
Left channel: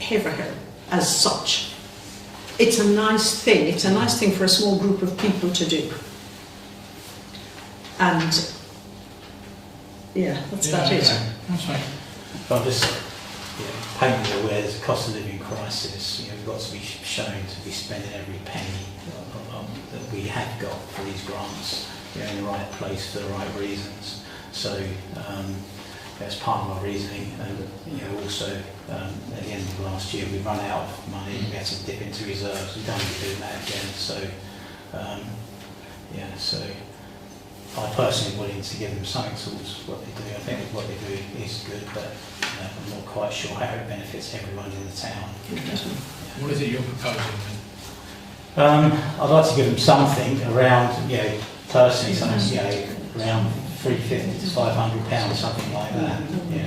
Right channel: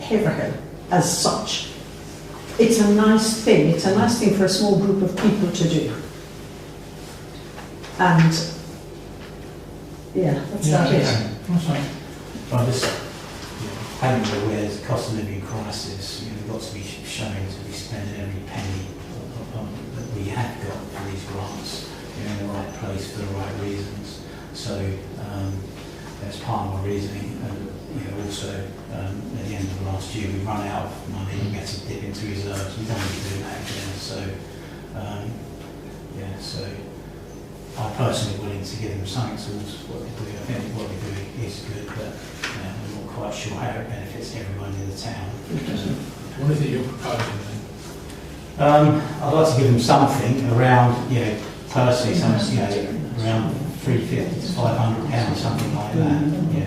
Haverhill as such. It's a nice thing. It's a nice thing for a small group of people to do. And that's about it. That's right. But I'm just painfully aware there's a cost of living crisis. We've got to be showing to be spending every penny that we have got from these grants in the right place for the right reasons. So that's part of our reasoning. And also at the end of last year we run out of money. We had to dip into reserves. We don't want to be doing that again. So so I personally willing to give them something towards what they do. I think what they do is good, but I'm not quite sure how it benefits everyone in the town. What is it you're proposing then? I'd like to give them something around, personally, something, around £350 to £500, something like that.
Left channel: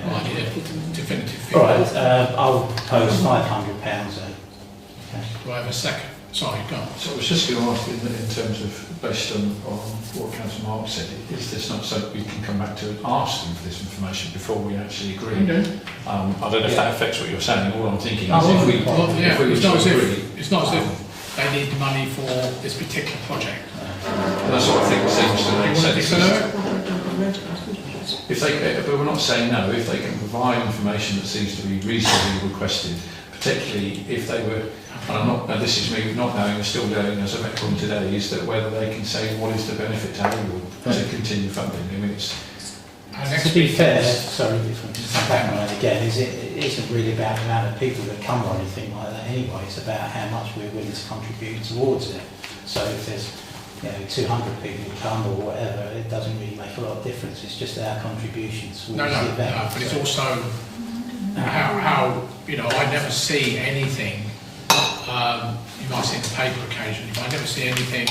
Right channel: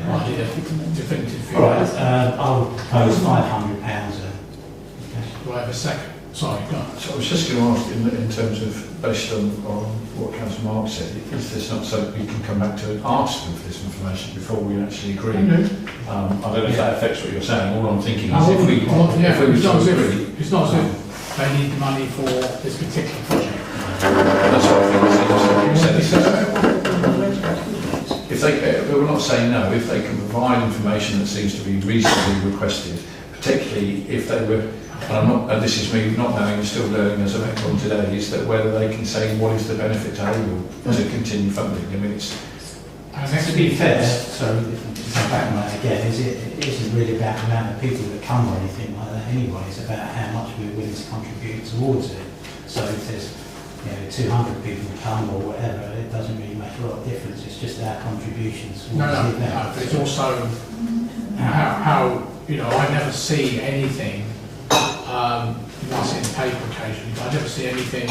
Might need a definitive figure. All right, I'll propose £500. Do I have a second? Sorry, go on. So I was just going to ask, in terms of, based on what Councillor Mark said, is this not so that we can come back to ask them for this information before we actually agree? I don't know if that affects what you're saying. All I'm thinking is if we it's not as agree... It's not as if they need the money for this particular project. That's what I think seems to make sense. If they, but we're not saying no, if they can provide information that seems to be reasonably requested, particularly if they were, and I'm not, and this is me not knowing, and still learning as I've gone today, is that whether they can say what is the benefit to Haverhill to continue funding. I mean, it's... To be fair, sorry, to come back on that again, it isn't really about the amount of people that come or anything like that anyway, it's about how much we're willing to contribute towards it. So if there's 200 people come or whatever, it doesn't really make a lot of difference, it's just our contributions towards the event. No, but it's also how I never see anything, you might see in the paper occasionally, but I never see anything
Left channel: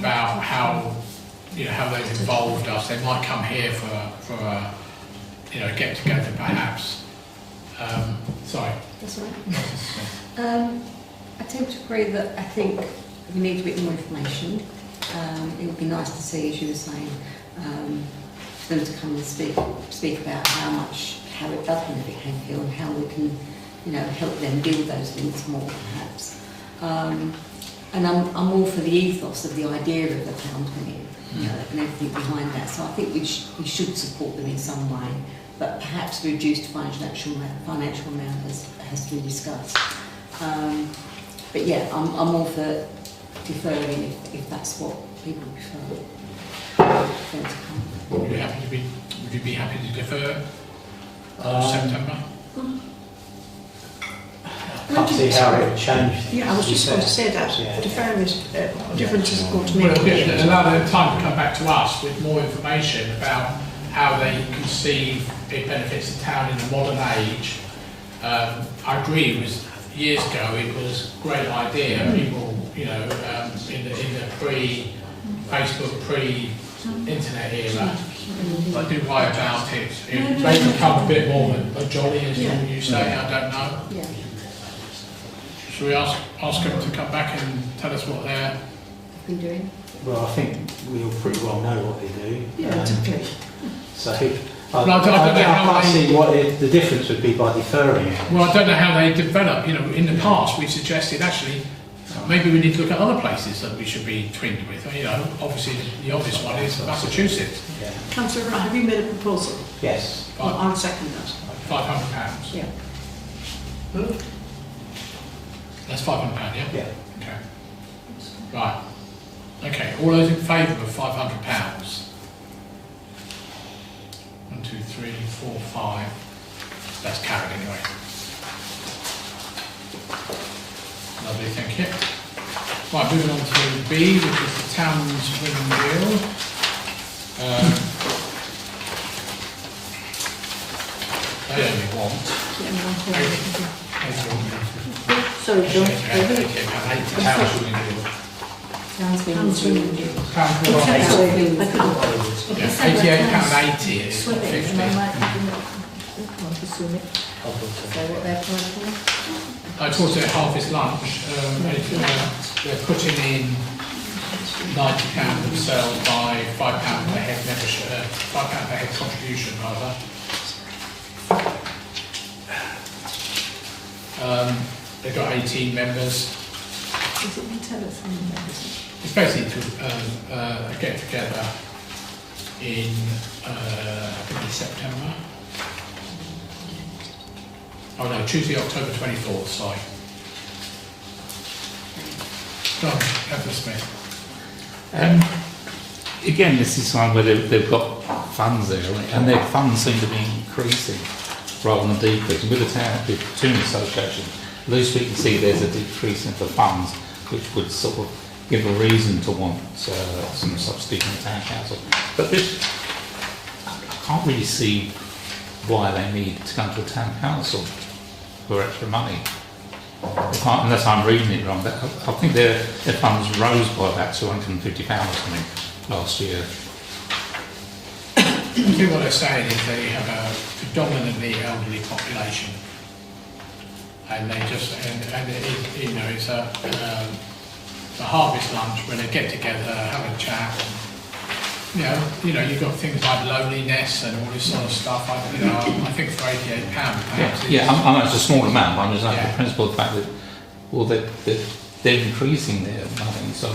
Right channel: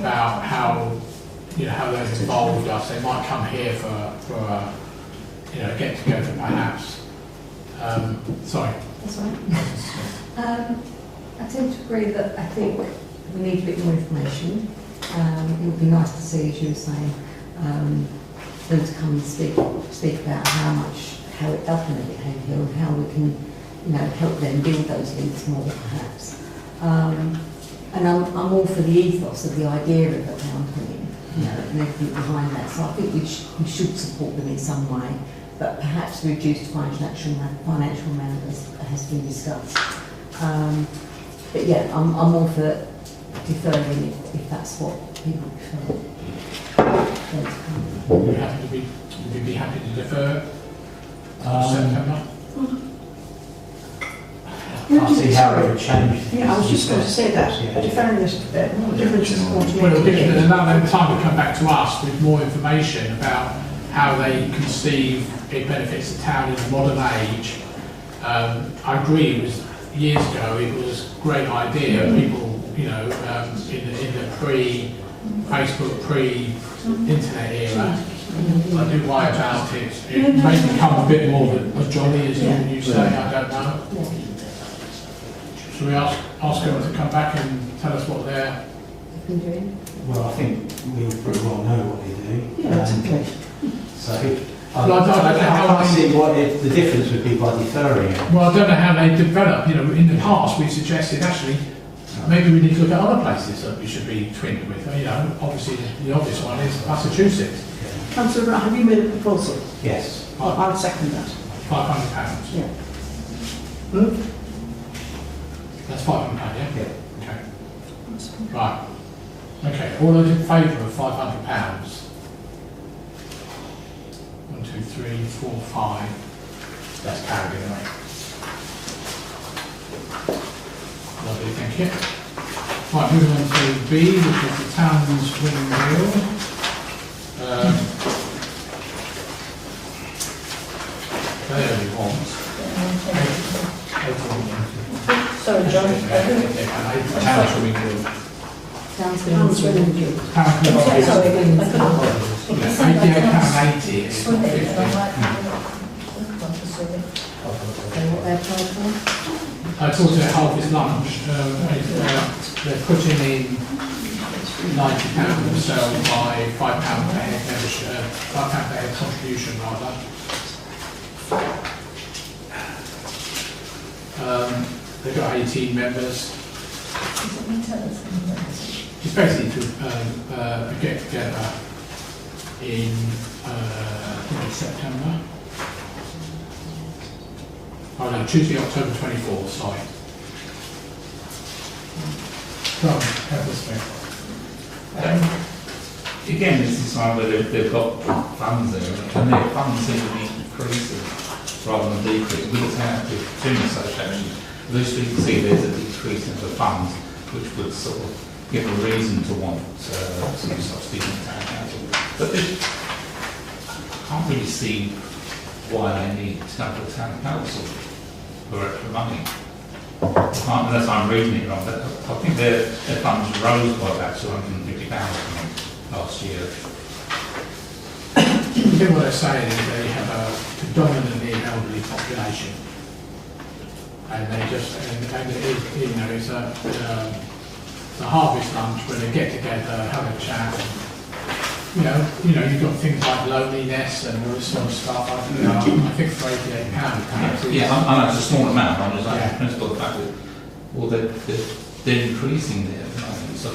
about how they've involved us. They might come here for a get together perhaps. Sorry. That's all right. I tend to agree that I think we need a bit more information. It would be nice to see, as you were saying, them to come and speak about how it does benefit Haverhill and how we can, help them build those links more, perhaps. And I'm all for the ethos of the idea of the town coming, and everything behind that. So I think we should support them in some way, but perhaps reduced financial amount has been discussed. But yeah, I'm all for deferring if that's what people prefer. Would you be happy to defer September? I can't see how it would change. Yeah, I was just going to say that. Deferring this difference is going to Well, make it'll allow them time to come back to us with more information about how they conceive it benefits the town in the modern age. I agree, it was years ago, it was a great idea. People, in the pre-Facebook, pre-internet era, I do worry about it. It may become a bit more of a jolly, as you say, I don't know. Yeah. Should we ask them to come back and tell us what they're Been doing? Well, I think we all pretty well know what they do. Yeah, it's okay. So I can't see what the difference would be by deferring it. Well, I don't know how they develop. In the past we've suggested actually maybe we need to look at other places that we should be twinned with. Obviously the obvious one is Massachusetts. Councillor Wright, have you made a proposal? Yes. I'll second that. £500. Yeah. That's £500, yeah? Yeah. Okay. Right. Okay, all those in favour of £500? 1, 2, 3, 4, 5. That's carried anyway. Lovely, thank you. Right, moving on to B, which is the town's windmill. They only want 81. Sorry, John. Town's windmill. £88.80 is Sorry. I talked to Harvest Lunch. They're putting in £90 themselves by £5 per head membership, £5 per head contribution rather. They've got 18 members. It's basically a get together in I think it's September. Oh no, Tuesday, October 24th, sorry. Well, Kevin Smith. again, this is one where they've got funds there, and their funds seem to be increasing rather than decreasing. With the town, with the Touring Association, at least we can see there's a decrease in the funds, which would sort of give a reason to want some substitute in the town council. But I can't really see why they need to come to the town council for extra money. Unless I'm reading it wrong, I think their funds rose by about £250 last year. I think what they're saying is they have a predominantly elderly population, and they just, and it, you know, it's a harvest lunch where they get together, have a chat, and, you know, you've got things like loneliness and all this sort of stuff. I think for £88, perhaps. Yeah, I know it's a small amount. I'm just saying the principle of the fact that, well, they're increasing their money, so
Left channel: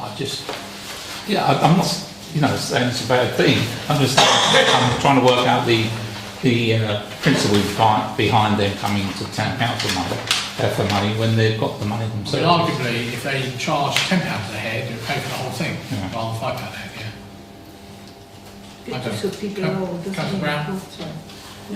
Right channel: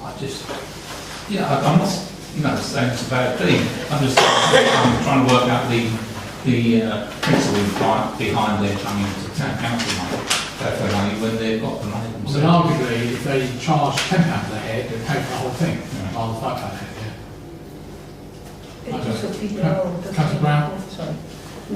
I just, I'm not, saying it's a bad thing. I'm trying to work out the principle behind them coming to the town council for money when they've got the money themselves. Well, arguably, if they charge £10 a head, they'll pay for the whole thing, rather than £5 a head. Councillor Brown?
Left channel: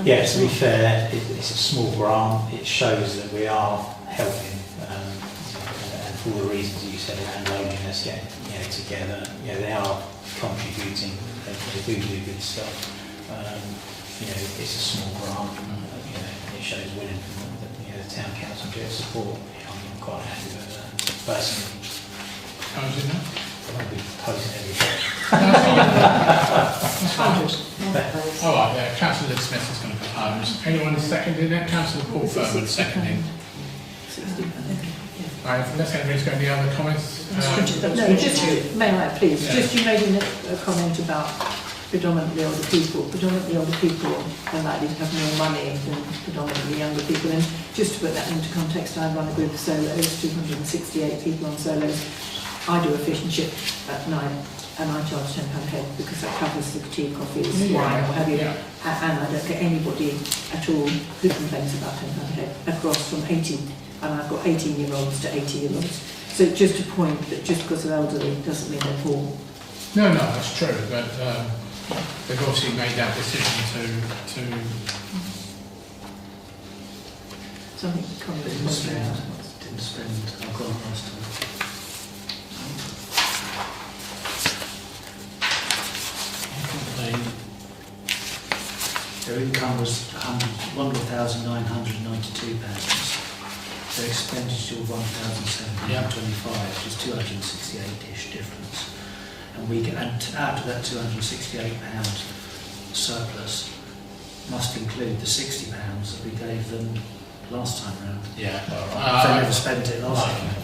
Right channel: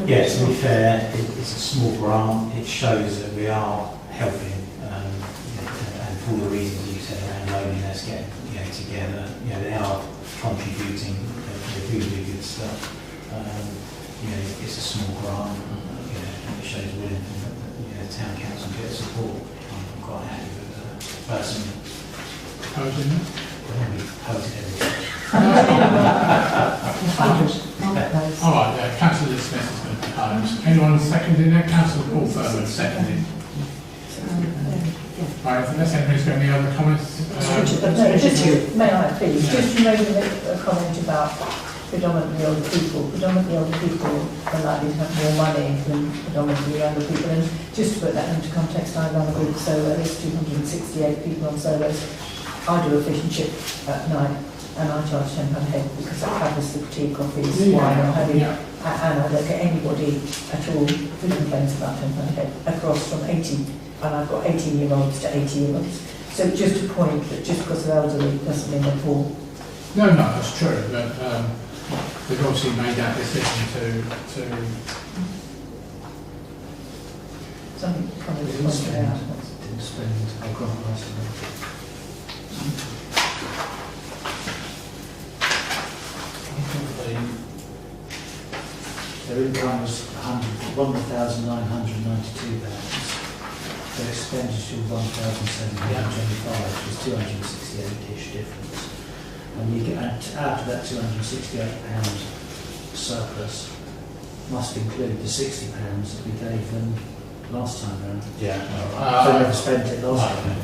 Yeah, to be fair, it's a small grant. It shows that we are helping, and for all the reasons you said around loneliness, getting together, they are contributing. They do good stuff. It's a small grant. It shows willing that the town council get support. I'm quite happy with that personally. Opposing that? We oppose it every day. All right, Councillor Smith is going to propose. Anyone seconding that? Councillor Paul Furman seconding. Right, unless anybody's got any other comments. May I please? Yeah. Just you made a comment about predominantly older people. Predominantly older people are likely to have more money than predominantly younger people. And just to put that into context, I run a group of solos, 268 people on solos. I do a fish and chip at night, and I charge £10 a head because that covers the tea, coffees, wine, or have you. And I don't get anybody at all who complains about £10 a head across from 18, and I've got 18-year-olds to 80-year-olds. So just a point that just because they're elderly doesn't mean they're poor. No, that's true, but they've obviously made that decision to something kind of didn't spend. I've got most of it. Their income was £1,992. Their expenditure of £1,725, which was £268-ish difference. And we get out of that £268 surplus must include the £60 that we gave them last time round. They never spent it last time.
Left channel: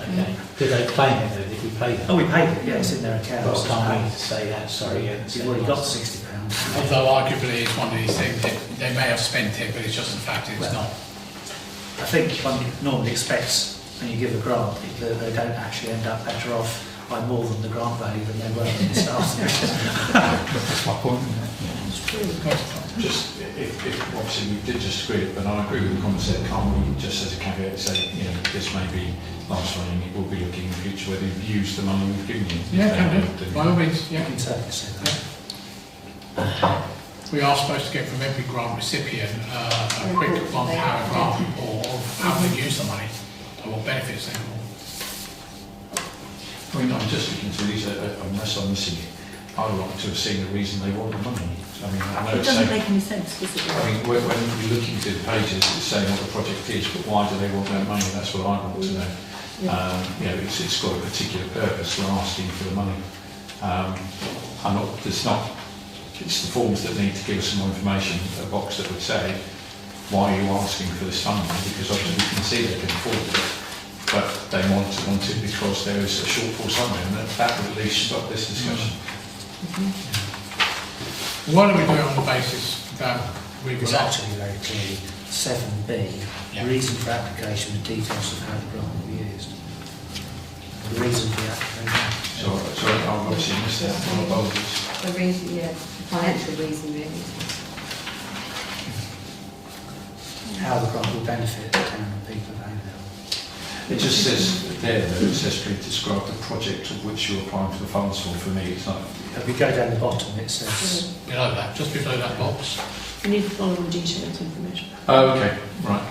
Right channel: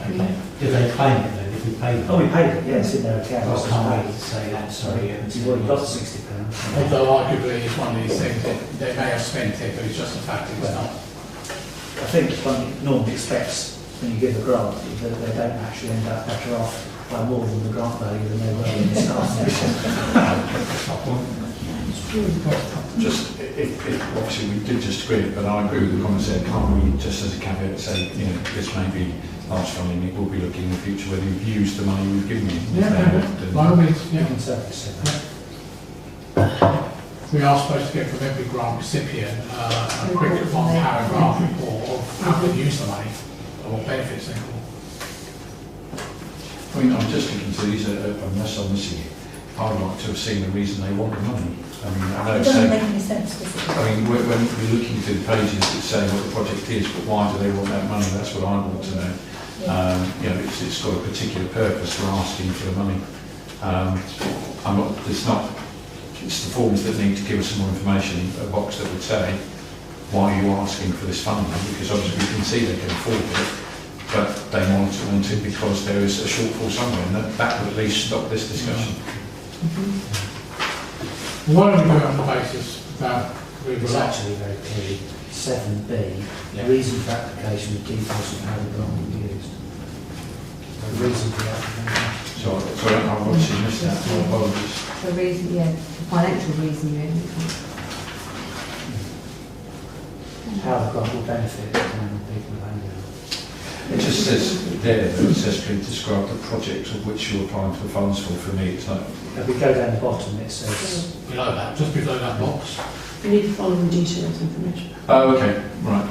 Okay. Did they claim it though? Did we pay them? Oh, we paid it, yeah, it's in their account. I can't wait to say that, sorry. You've already got £60. Although arguably it's one of these things that they may have spent it, but it's just the fact it's not. I think one normally expects when you give a grant that they don't actually end up better off by more than the grant value than they were when they started. That's my point. Just, if obviously we did just agree, but I agree with the concept, can't we just as a caveat say, this may be last running, it will be looking in the future whether you've used the money we've given you. By all means, You can certainly say that. We are supposed to get from every grant recipient a quick one-paragraph report of how they use the money or what benefits they got. I mean, I'm just looking to these, unless I'm missing it, I would like to have seen the reason they want the money. I mean, I know it doesn't make any sense, does it? I mean, when you're looking through the pages, it's saying what the project is, but why do they want that money? That's what I want to know. It's got a particular purpose for asking for the money. It's the forms that need to give us some more information, a box that would say, why are you asking for this funding? Because obviously we can see they can afford it, but they want it because there is a shortfall somewhere, and that would at least stop this discussion. Why don't we do it on the basis that It's actually very clearly 7B, reason for application with details of how the grant will be used. The reason for the application. So I've obviously missed that. My apologies. The reason, the financial reason really. How the grant will benefit the town and people of Haverhill. It just says there that it says please describe the project of which you're applying for funds for me. It's like, If we go down the bottom, it says, Below that, just below that box. You need the following detailed information. oh, okay, right.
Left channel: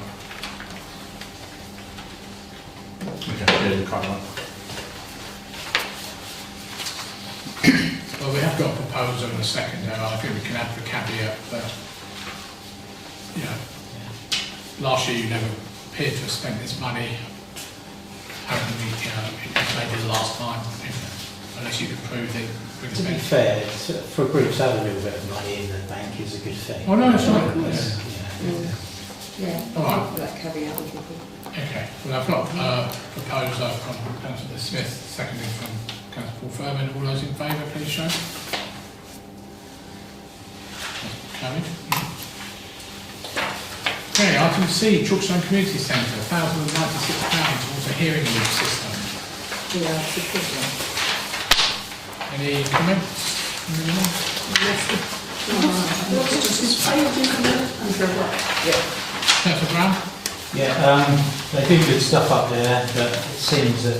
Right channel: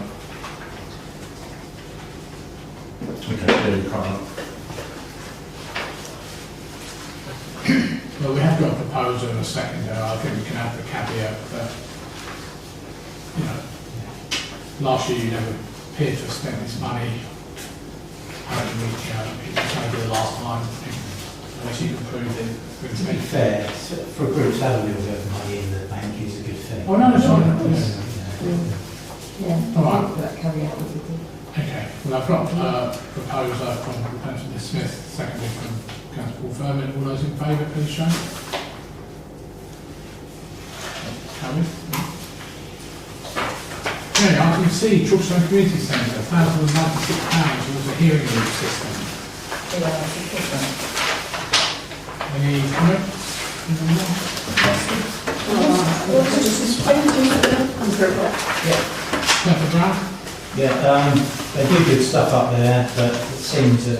Okay, yeah, you can't. Well, we have got a proposal and a seconder. I think we can have the caveat that, you know, last year you never appeared to have spent this money. Apparently, you know, it was maybe the last time, unless you've approved it. We can to be spend. fair, for a group to have a little bit of money in the bank is a good thing. Oh, no, it's not. Yeah, All right. that caveat would be good. Okay, well, I've got proposal from Councillor Smith, seconded from Councillor Paul Furman. All those in favour, please show. Carried. Okay, item C, Chorlstone Community Centre, £1,096 towards a hearing aid system. Yeah, that's a good one. Any comments? Councillor Brown? Yeah, they do good stuff up there, but it seems that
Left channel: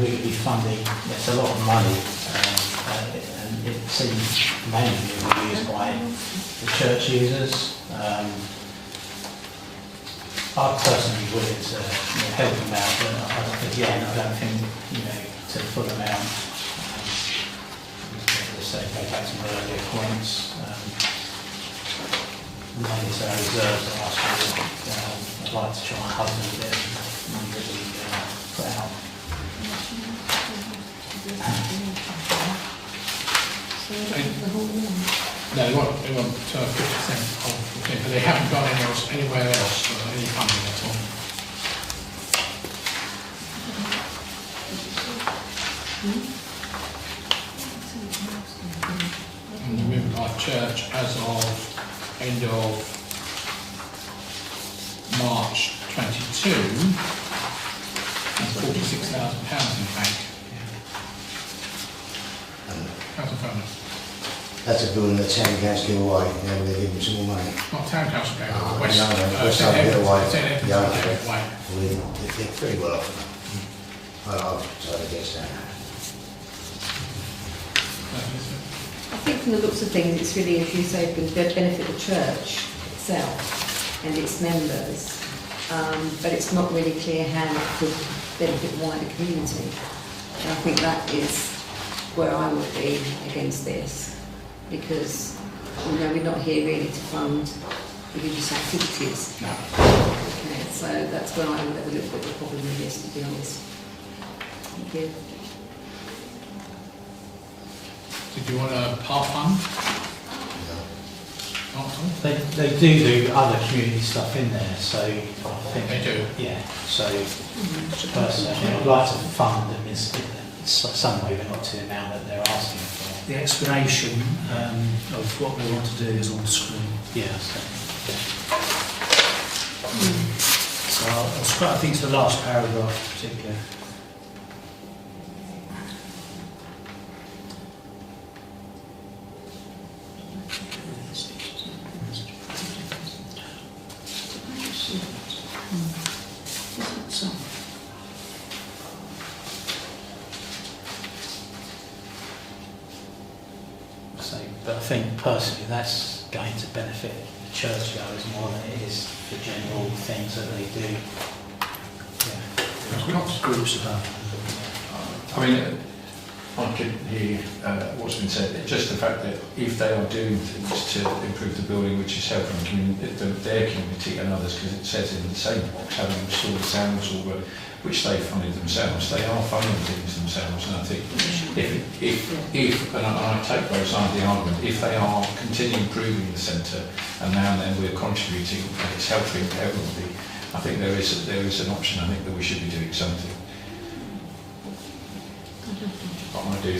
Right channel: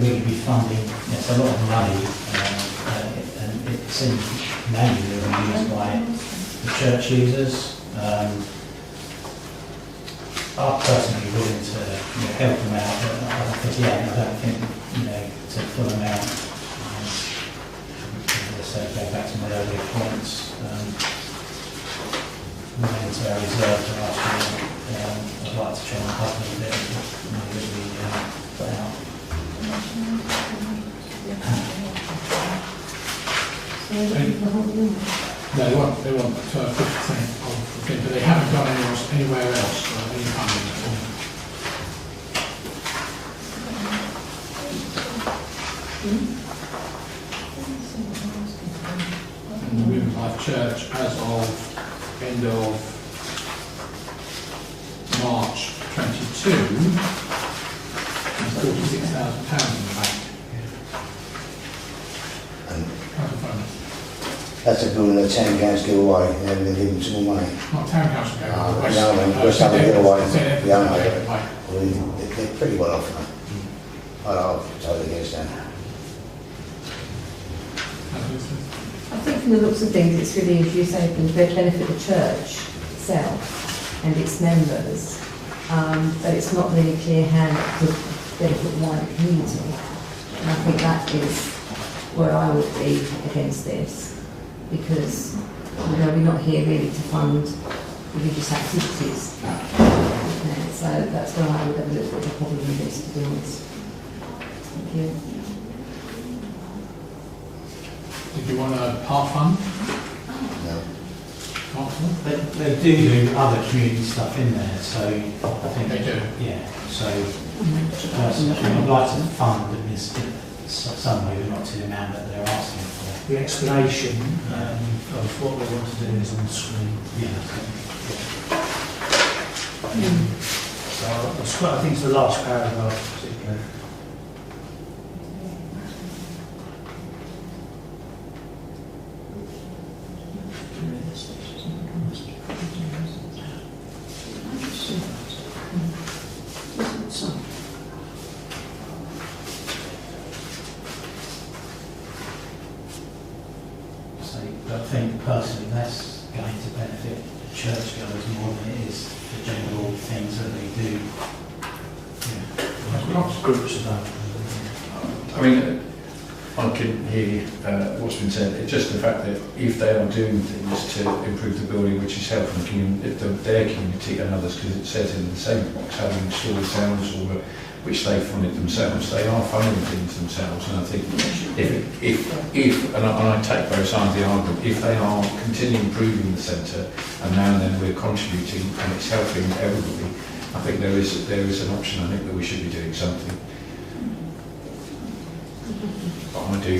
we could be funding, it's a lot of money, and it seems mainly to be used by the church users. I'm personally willing to help them out, but again, I don't think, to full amount, as I say, go back to my earlier points, money to our reserves and ask for, I'd like to try and hug a little bit of the money that we put out. No, they won't 50% of it, but they haven't gone anywhere else for any funding at all. And the Women Life Church, as of end of March 22, has £46,000 in the bank. Councillor Furman. That's a building that town council give away, and they're going to give them some more money. Not town council, no, No, West. West Ham give away. St. Edmunds Yeah, I give know. it away. Well, they're pretty well off now. I'll totally against that. I think from the looks of things, it's really, as you say, going to benefit the church itself and its members, but it's not really clear how it could benefit the wider community. And I think that is where I would be against this, because we're not here really to fund religious activities. Okay, so that's where I would have a little bit of a problem with this, to be honest. Thank you. Did you want a part fund? No. Council? They do other community stuff in there, so I think They do? Yeah, so personally, I think I'd like to fund them in some way, but not to the amount that they're asking for. The explanation of what we want to do is on the screen. Yeah. So I'll scroll, I think it's the last paragraph particularly. But I think personally that's going to benefit the churchgoers more than it is the general things that they do. Groups about. I mean, I can hear what's been said. It's just the fact that if they are doing things to improve the building, which is helping their community and others, because it says in the same box how to install sounds or which they funded themselves, they are funding things themselves. And I think if and I take both sides of the argument, if they are continuing improving the centre and now and then we're contributing and it's helping everybody, I think there is an option. I think that we should be doing something. But I do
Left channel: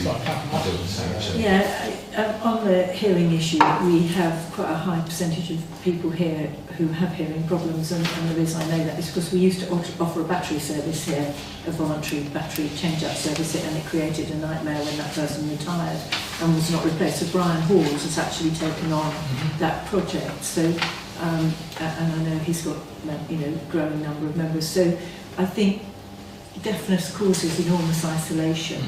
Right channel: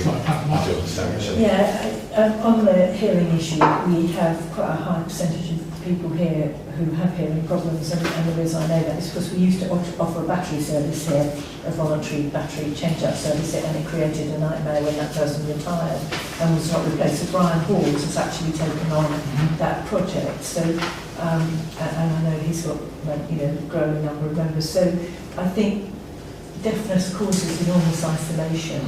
understand that. Yeah, on the hearing issue, we have quite a high percentage of people here who have hearing problems, and the reason I know that is because we used to offer a battery service here, a voluntary battery change-out service, and it created a nightmare when that person retired and was not replaced. So Brian Hawes has actually taken on that project. So, and I know he's got growing number of members. So I think deafness causes enormous isolation.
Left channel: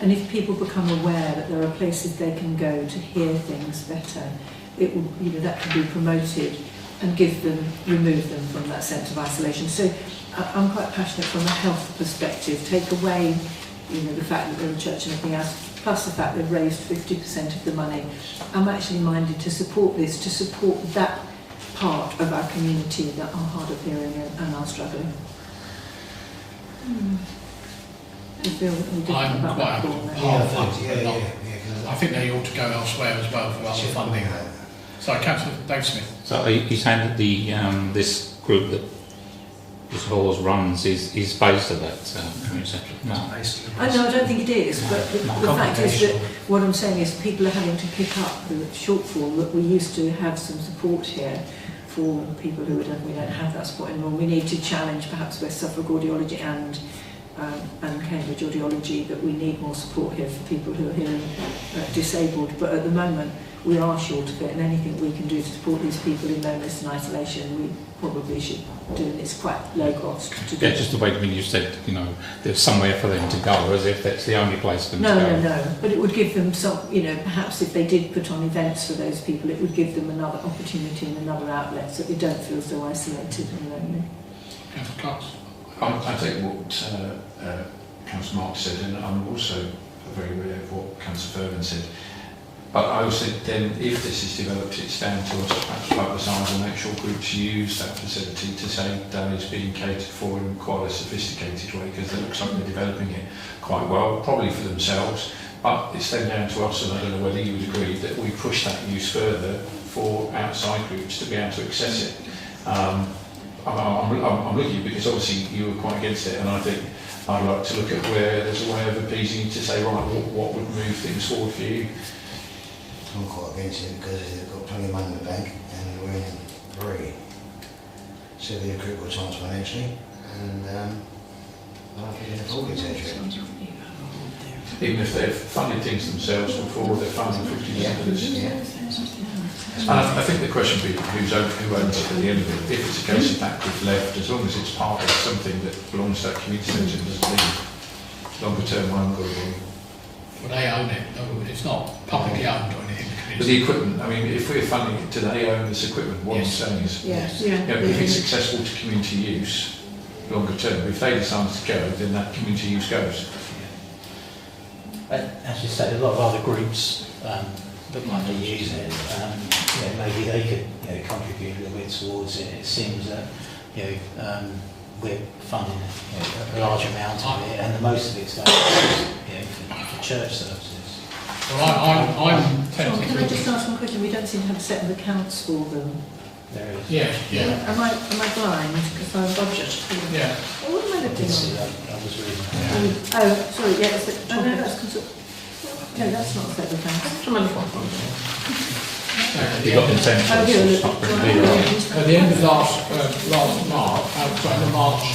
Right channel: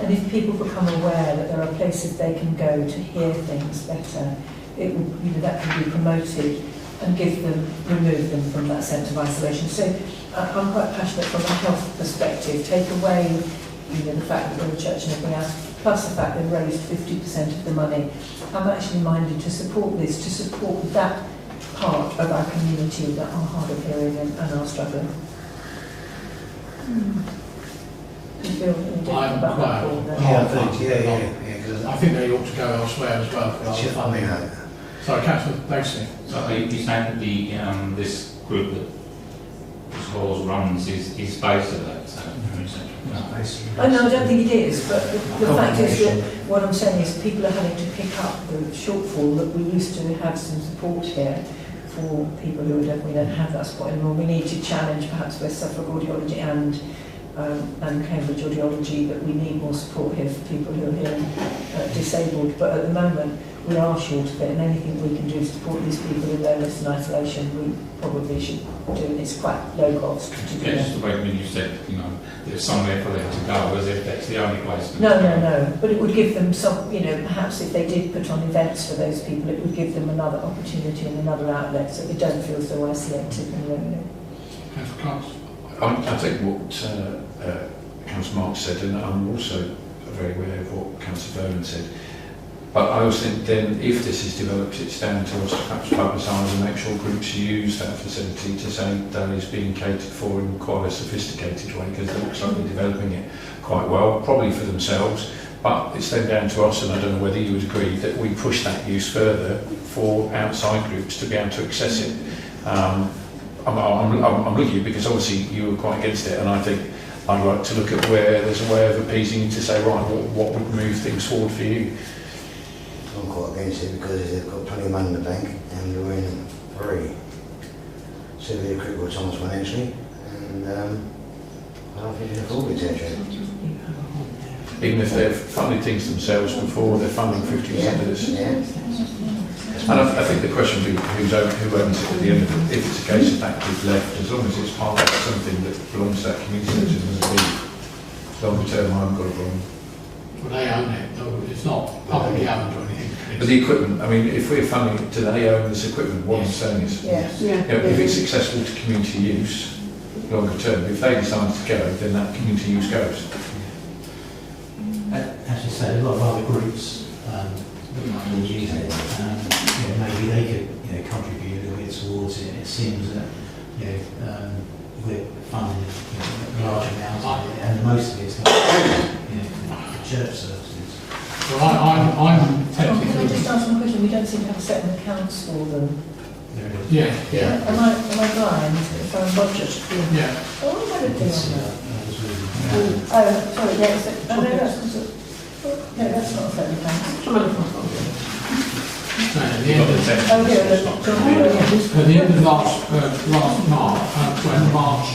And if people become aware that there are places they can go to hear things better, it will, you know, that can be promoted and remove them from that sense of isolation. So I'm quite passionate from a health perspective. Take away, you know, the fact that we're a church and everything else, plus the fact they've raised 50% of the money. I'm actually minded to support this, to support that part of our community that are hard of hearing and are struggling. Do you feel any different about that, Paul? I think they ought to go elsewhere as well for other funding. Sorry, Councillor Dave Smith. So he's saying that the this group that this laws runs is based at that no. I know, I don't think it is, but the fact is that what I'm saying is people are having to pick up the shortfall that we used to have some support here for people who we don't have that support anymore. We need to challenge perhaps West Suffolk Audiology and Cambridge Audiology that we need more support here for people who are hearing disabled, but at the moment we are short of it, and anything we can do to support these people in loneliness and isolation we probably should do, and it's quite low cost to do. Yeah, just the way when you said, you know, there's somewhere for them to go, as if that's the only place for them to go. No, but it would give them some, you know, perhaps if they did put on events for those people, it would give them another opportunity and another outlet so they don't feel so isolated and lonely. I take what Councillor Mark said, and I'm also very aware of what Councillor Vernon said. But I also think then, if this is developed, it's down to us to perhaps focus on and make sure groups use that facility to say that is being catered for in quite a sophisticated way, because it looks like they're developing it quite well, probably for themselves. But it's then down to us, and I don't know whether you would agree, that we push that use further for outside groups to be able to access it. I'm with you because obviously you were quite against it, and I think I'd like to look at where there's a way of appeasing you to say, right, what would move things forward for you? I'm quite against it because they've got plenty of money in the bank and you're in free. So they're critical times financially, and I don't think they can afford it, etc. Even if they've funded things themselves before, they're funding 50% of this. Yeah. And I think the question would be who owns it at the end of it. If it's a case of that group left, as long as it's part of something that belongs to that community centre and doesn't leave, longer term, I've got it wrong. Well, they own it. It's not publicly owned or anything. But the equipment, I mean, if we're funding it, do they own this equipment? What I'm saying is, you know, if it's accessible to community use, longer term, if they decide to go, then that community use goes. As you said, a lot of other groups look like to use it. You know, maybe they could contribute a little bit towards it. It seems that we're funding a large amount of it, and most of it is going for church services. Well, I'm tempted Can I to... just ask one question? We don't seem to have set the accounts for them. There is. Yeah. Am I blind? If I'm budget? Yeah. Oh, what am I looking at? Oh, sorry, yes. No, that's because of... Okay, that's not set the accounts. You've got the essentials, it's not really. At the end of last March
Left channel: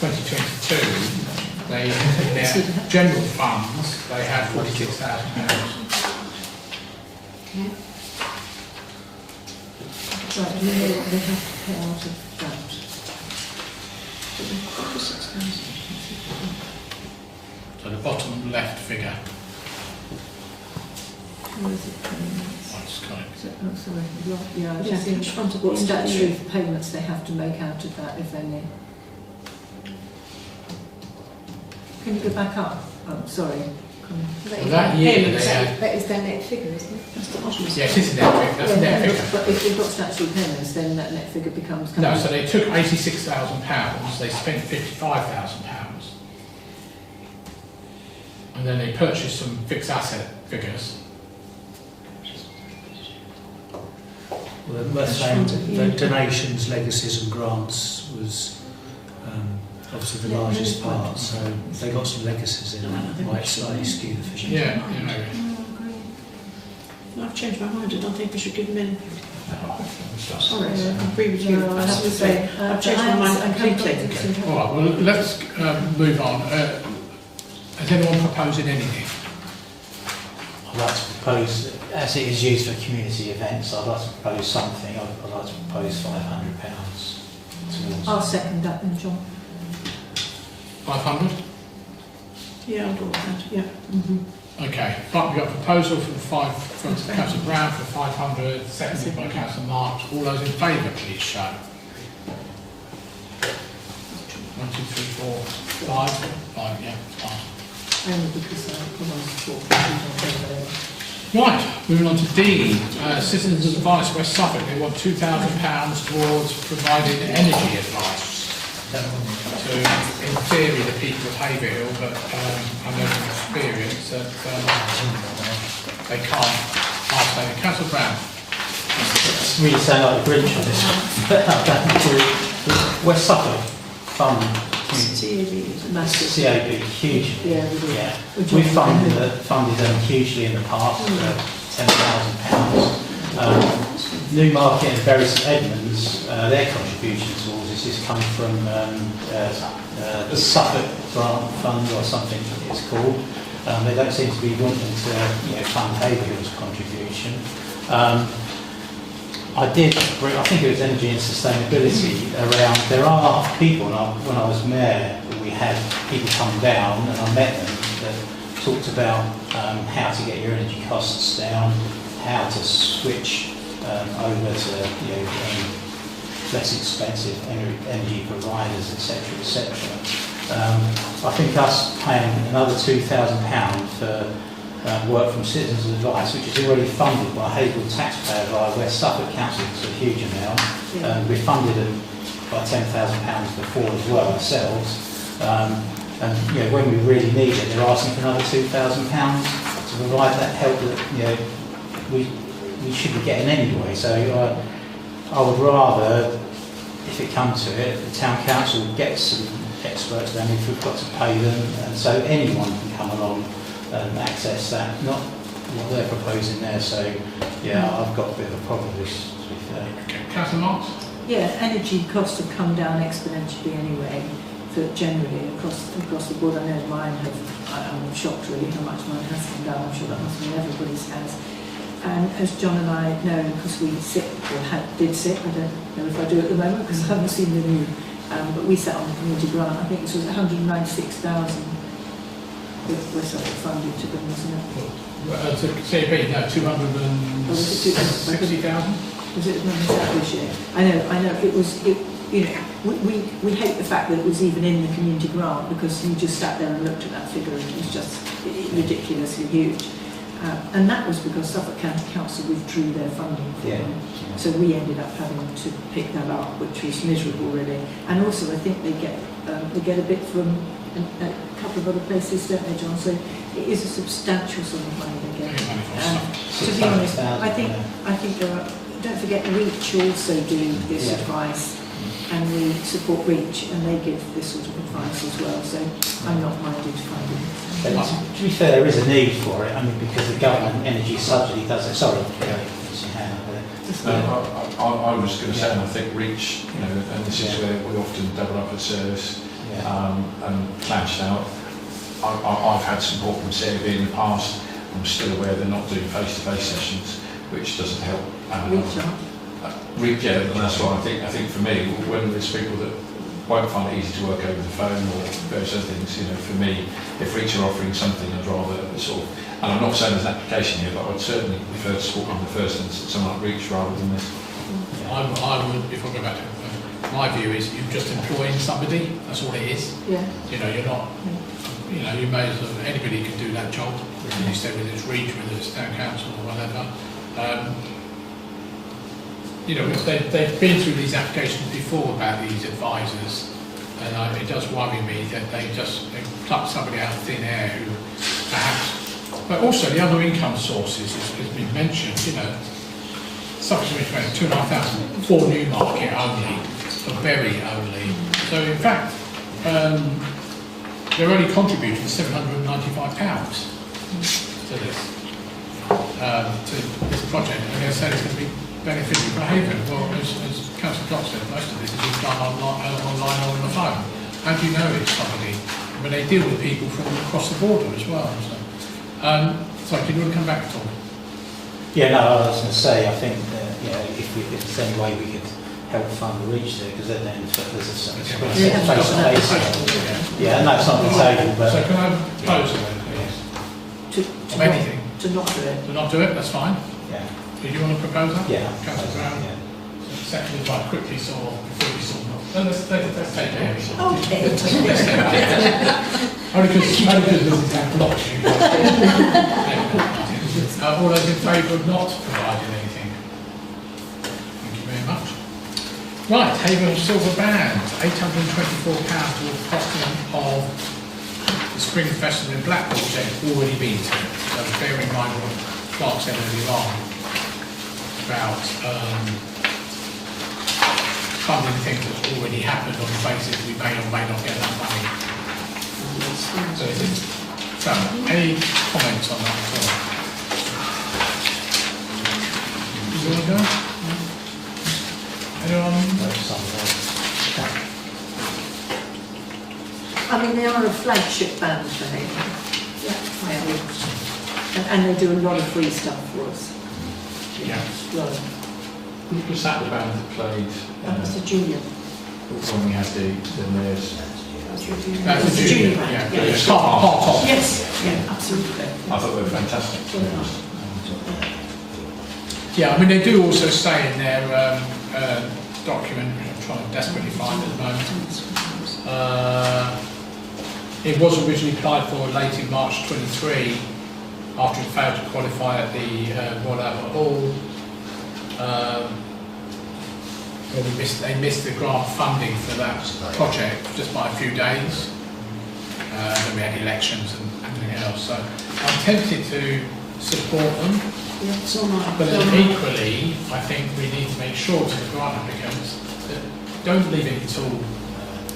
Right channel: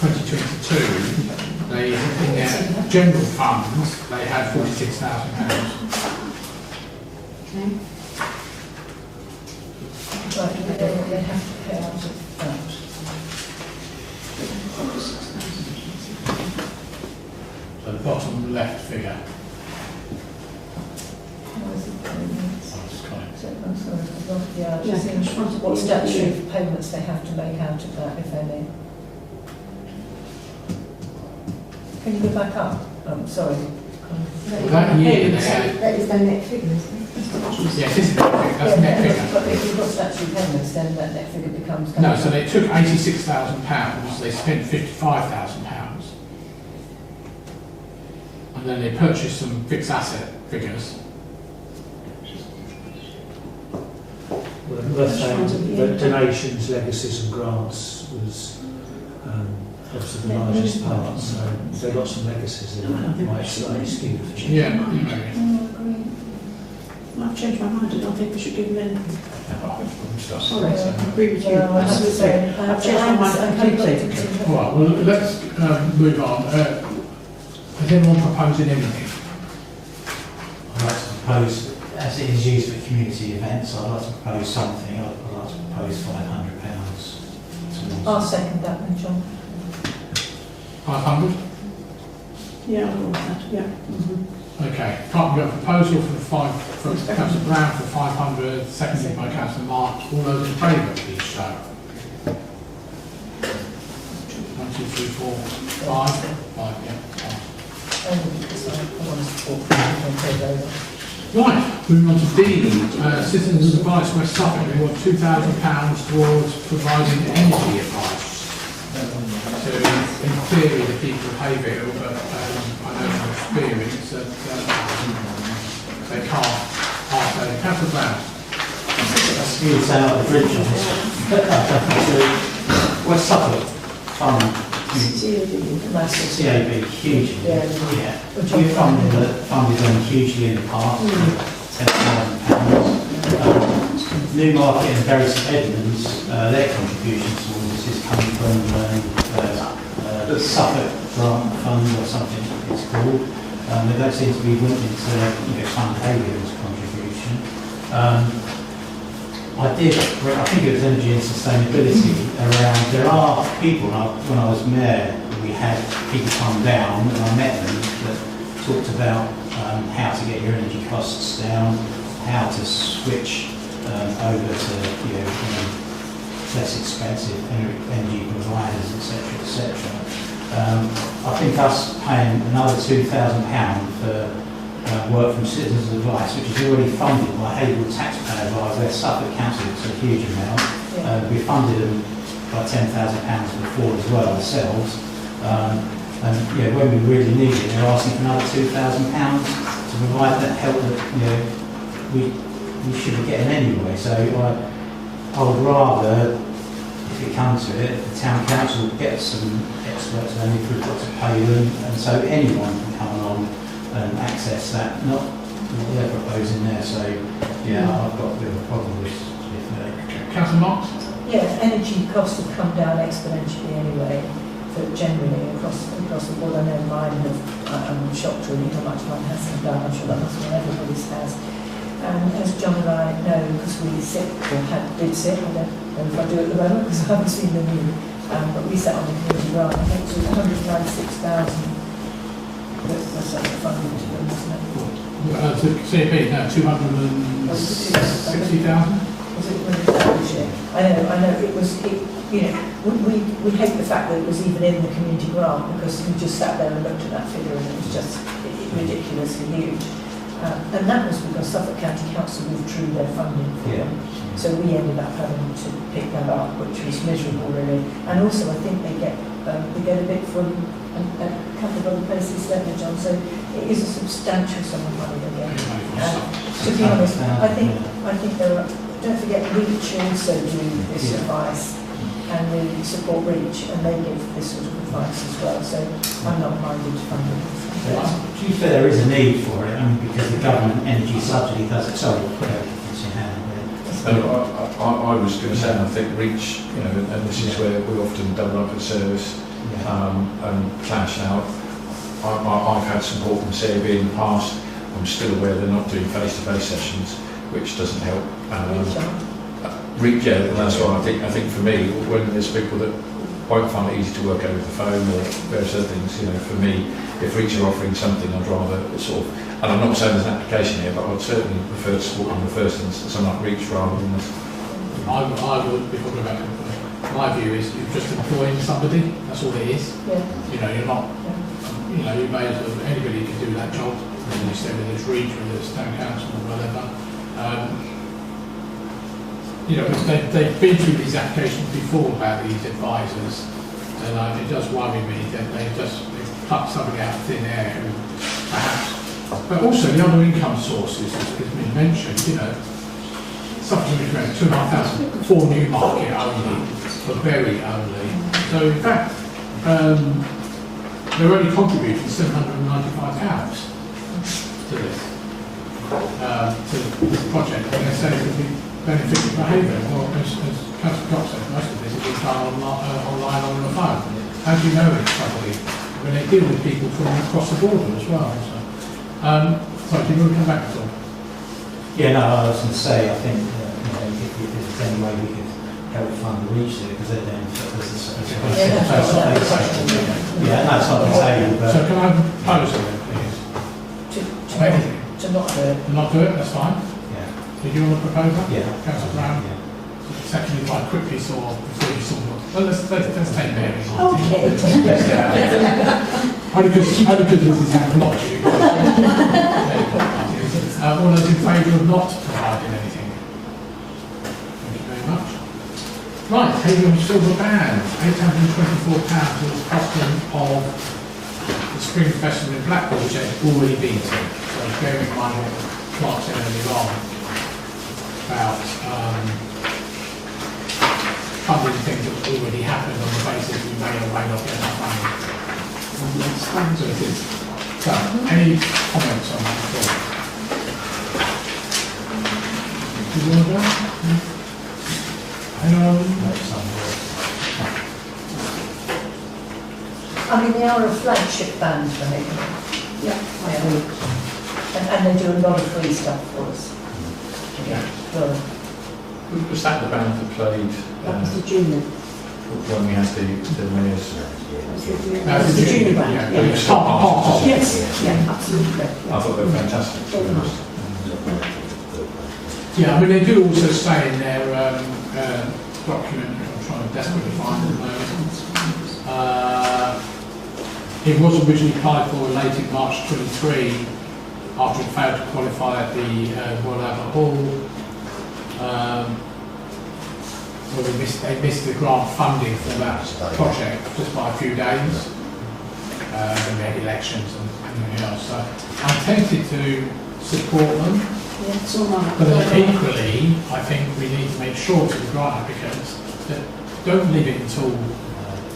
2022, they, in their general funds, they had £46,000. Right, they have to pay out of that. So the bottom left figure. What statutory payments they have to make out of that, if any? Can you go back up? Sorry. That year they had... That is their net figure, isn't it? Yes, it's net figure. That's net figure. But if you've got statutory payments, then that net figure becomes... No, so they took £86,000, they spent £55,000, and then they purchased some fixed asset figures. Well, worth saying that donations, legacies and grants was obviously the largest part, so if they've got some legacies in it, it might slightly skew the figure. Yeah, I've changed my mind and I think we should give them in. Sorry, I agree with you. No, I have to say, I've changed my mind completely. All right, well, let's move on. Is anyone proposing anything? I'd like to propose, as it is used for community events, I'd like to propose something. I'd like to propose £500 towards. I'll second that then, John. 500? Yeah, I'll do that, yeah. Okay, we've got a proposal from Councillor Brown for 500, seconded by Councillor Marks. All those in favour, please show. 1, 2, 3, 4, 5. 5, yeah. Only because I want to support people in favour. Right, moving on to D. Citizens Advice West Suffolk. They want £2,000 towards providing energy advice to, in theory, the people of Haverhill, but I know from experience that they can't. Councillor Brown. That's really sound like a British on this one. West Suffolk Fund. CAB, huge. Yeah. We've funded them hugely in the past, £10,000. Newmarket and Bury St Edmunds, their contribution towards this is coming from the Suffolk Grant Fund or something it's called. They don't seem to be wanting to fund Haverhill's contribution. I think it was energy and sustainability around. There are people, when I was mayor, we had people come down and I met them that talked about how to get your energy costs down, how to switch over to less expensive energy providers, etc., etc. I think us paying another £2,000 for work from Citizens Advice, which is already funded by Haverhill taxpayer by West Suffolk Council, it's a huge amount. We funded them by £10,000 before as well ourselves. And when we really need it, they're asking for another £2,000 to provide that help that we should be getting anyway. So I would rather, if it comes to it, the town council get some experts then if we've got to pay them, and so anyone can come along and access that, not what they're proposing there. So I've got a bit of a problem with Councillor Marks? Yeah, energy costs have come down exponentially anyway, for generally across the board. I know mine have, I'm shocked really how much mine has come down. I'm sure that must mean everybody's has. And as John and I know, because we sit, or did sit, I don't know if I do at the moment because I haven't seen the new, but we sat on the community grant. I think it was 196,000 was funded to them, wasn't it? To CAB, no, 260,000? Was it this year? I know, it was, we hate the fact that it was even in the community grant because we just sat there and looked at that figure and it was just ridiculously huge. And that was because Suffolk County Council withdrew their funding for them. So we ended up having to pick that up, which was miserable really. And also I think they get a bit from a couple of other places, don't they, John? So it is a substantial sum of money again. To be honest, I think there are, don't forget REACH also do this advice, and they support REACH and they give this sort of advice as well. So I'm not minded to fund it. To be fair, there is a need for it. I mean, because the government energy subsidy does it. Sorry, I was going to say, I think REACH, and this is where we often double up at service and clash out. I've had support from CAB in the past. I'm still aware they're not doing face-to-face sessions, which doesn't help. REACH, and that's why I think for me, when there's people that won't find it easy to work over the phone or various other things, for me, if REACH are offering something, I'd rather sort of, and I'm not saying there's an application here, but I'd certainly prefer to support in the first instance something like REACH rather than this. I would, if I go back to my view is you're just employing somebody, that's all it is. Yeah. You're not, you may as well, anybody could do that job, as you said, whether it's REACH, whether it's town council or whatever. They've been through these applications before about these advisors, and it does worry me that they pluck somebody out of thin air who perhaps, but also the other income sources has been mentioned, something like 2,500 for Newmarket only, for Bury only. So in fact, they're only contributing £795 to this project. And they're saying it could be beneficial for Haverhill. Well, as Councillor Cox said, most of this is done online or on the phone. How do you know it's somebody? I mean, they deal with people from across the border as well. So did you want to come back at all? Yeah, no, I was going to say, I think if there's any way we could private fund reach there, because then there's a They have got that face-to-face. Yeah, and that's not the table, but So can I have a proposal then, please? Of anything? To not do it. To not do it, that's fine. yeah, Did you want a proposal? yeah. Councillor Brown? Seconded by quickly saw, before you saw. Well, let's take it. Okay. Only because this is how not you. All those in favour of not providing anything? Thank you very much. Right, Haverhill Silver Band, £824 will costing of the Spring Festival in Blackpool, which has already been to. So bear in mind what Clark said earlier on about funding things that have already happened on the basis we may or may not get that money. So it is. So, any comments on that at all? Do you want to go? Anyone? I mean, they are a flagship band for me. Yeah. And they do a lot of free stuff for us. Yeah. Well, Was that the band that played that was the junior. when we had the mayor's? That's the junior yeah. band. But it's part of. Yes, yeah, absolutely. I thought they were fantastic. To be honest. Yeah, I mean, they do also say in their document, which I'm trying to desperately find at the moment, it was originally applied for late in March 23 after it failed to qualify at the Royal Albert Hall. Well, they missed the grant funding for that project just by a few days. Then we had elections and everything else. So I'm tempted to support them. Yeah, it's all right. But equally, I think we need to make sure to the grant applicants that don't leave it until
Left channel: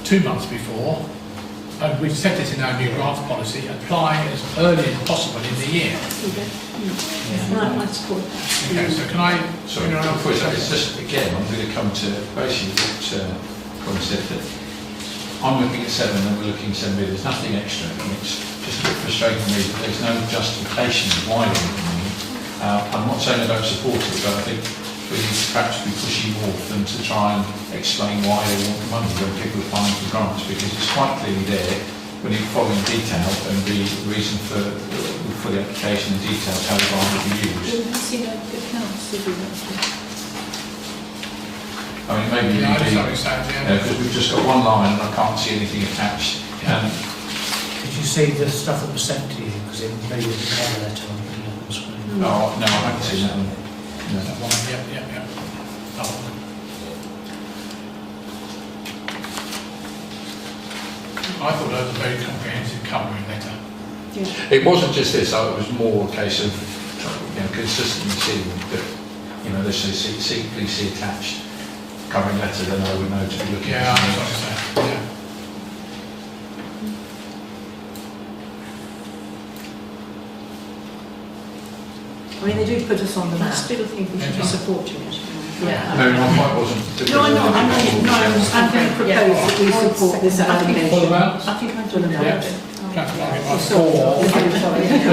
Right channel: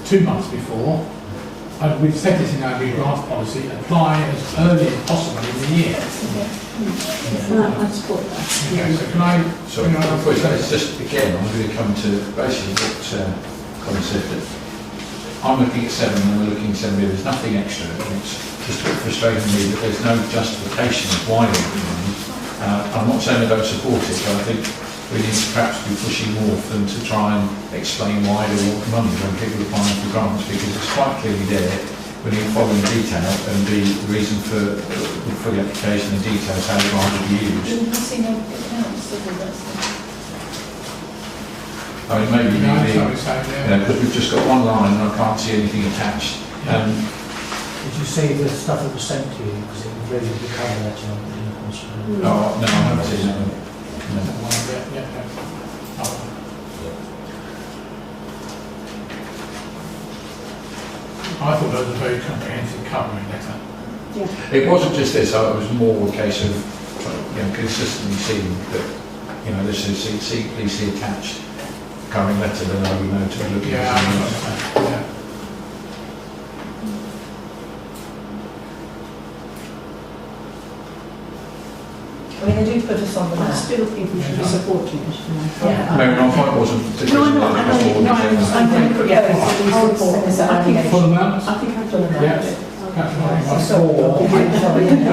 2 months before. And we've set this in our new grant policy, apply as early as possible in the year. Right, I support that. Okay, so can I... Sorry, it's just, again, I'm going to come to basically what Colin said, that I'm looking at 7 and we're looking at 7 million. There's nothing extra. It's just a bit frustrating me that there's no justification of why they're looking. I'm not saying I don't support it, but I think we need to perhaps be pushing more for them to try and explain why they want money when people are applying for grants, because it's quite clearly there. We need to follow in detail and the reason for the application and details how the grant will be used. Didn't see no accounts of the I mean, maybe Yeah, I'm maybe, sorry, Sam, yeah. because we've just got one line and I can't see anything attached. Did you see the stuff that was sent to you? Because it really was a cover letter on the screen. Oh, no, I haven't seen that. Yeah. Oh. I thought that was a very comprehensive covering letter. Yeah. It wasn't just this, it was more a case of consistently seeing that, this is please see attached covering letter, then I would know to look Yeah, at I it. understand. Yeah. I mean, they do put us on the I map. still think we should be supporting it. Yeah. Maybe my point wasn't the No, I reason know, that I know, they no, I were understand. I'm going to propose that we support this amendment. Full amount? I think I've done enough. Yeah. Category by 4. Just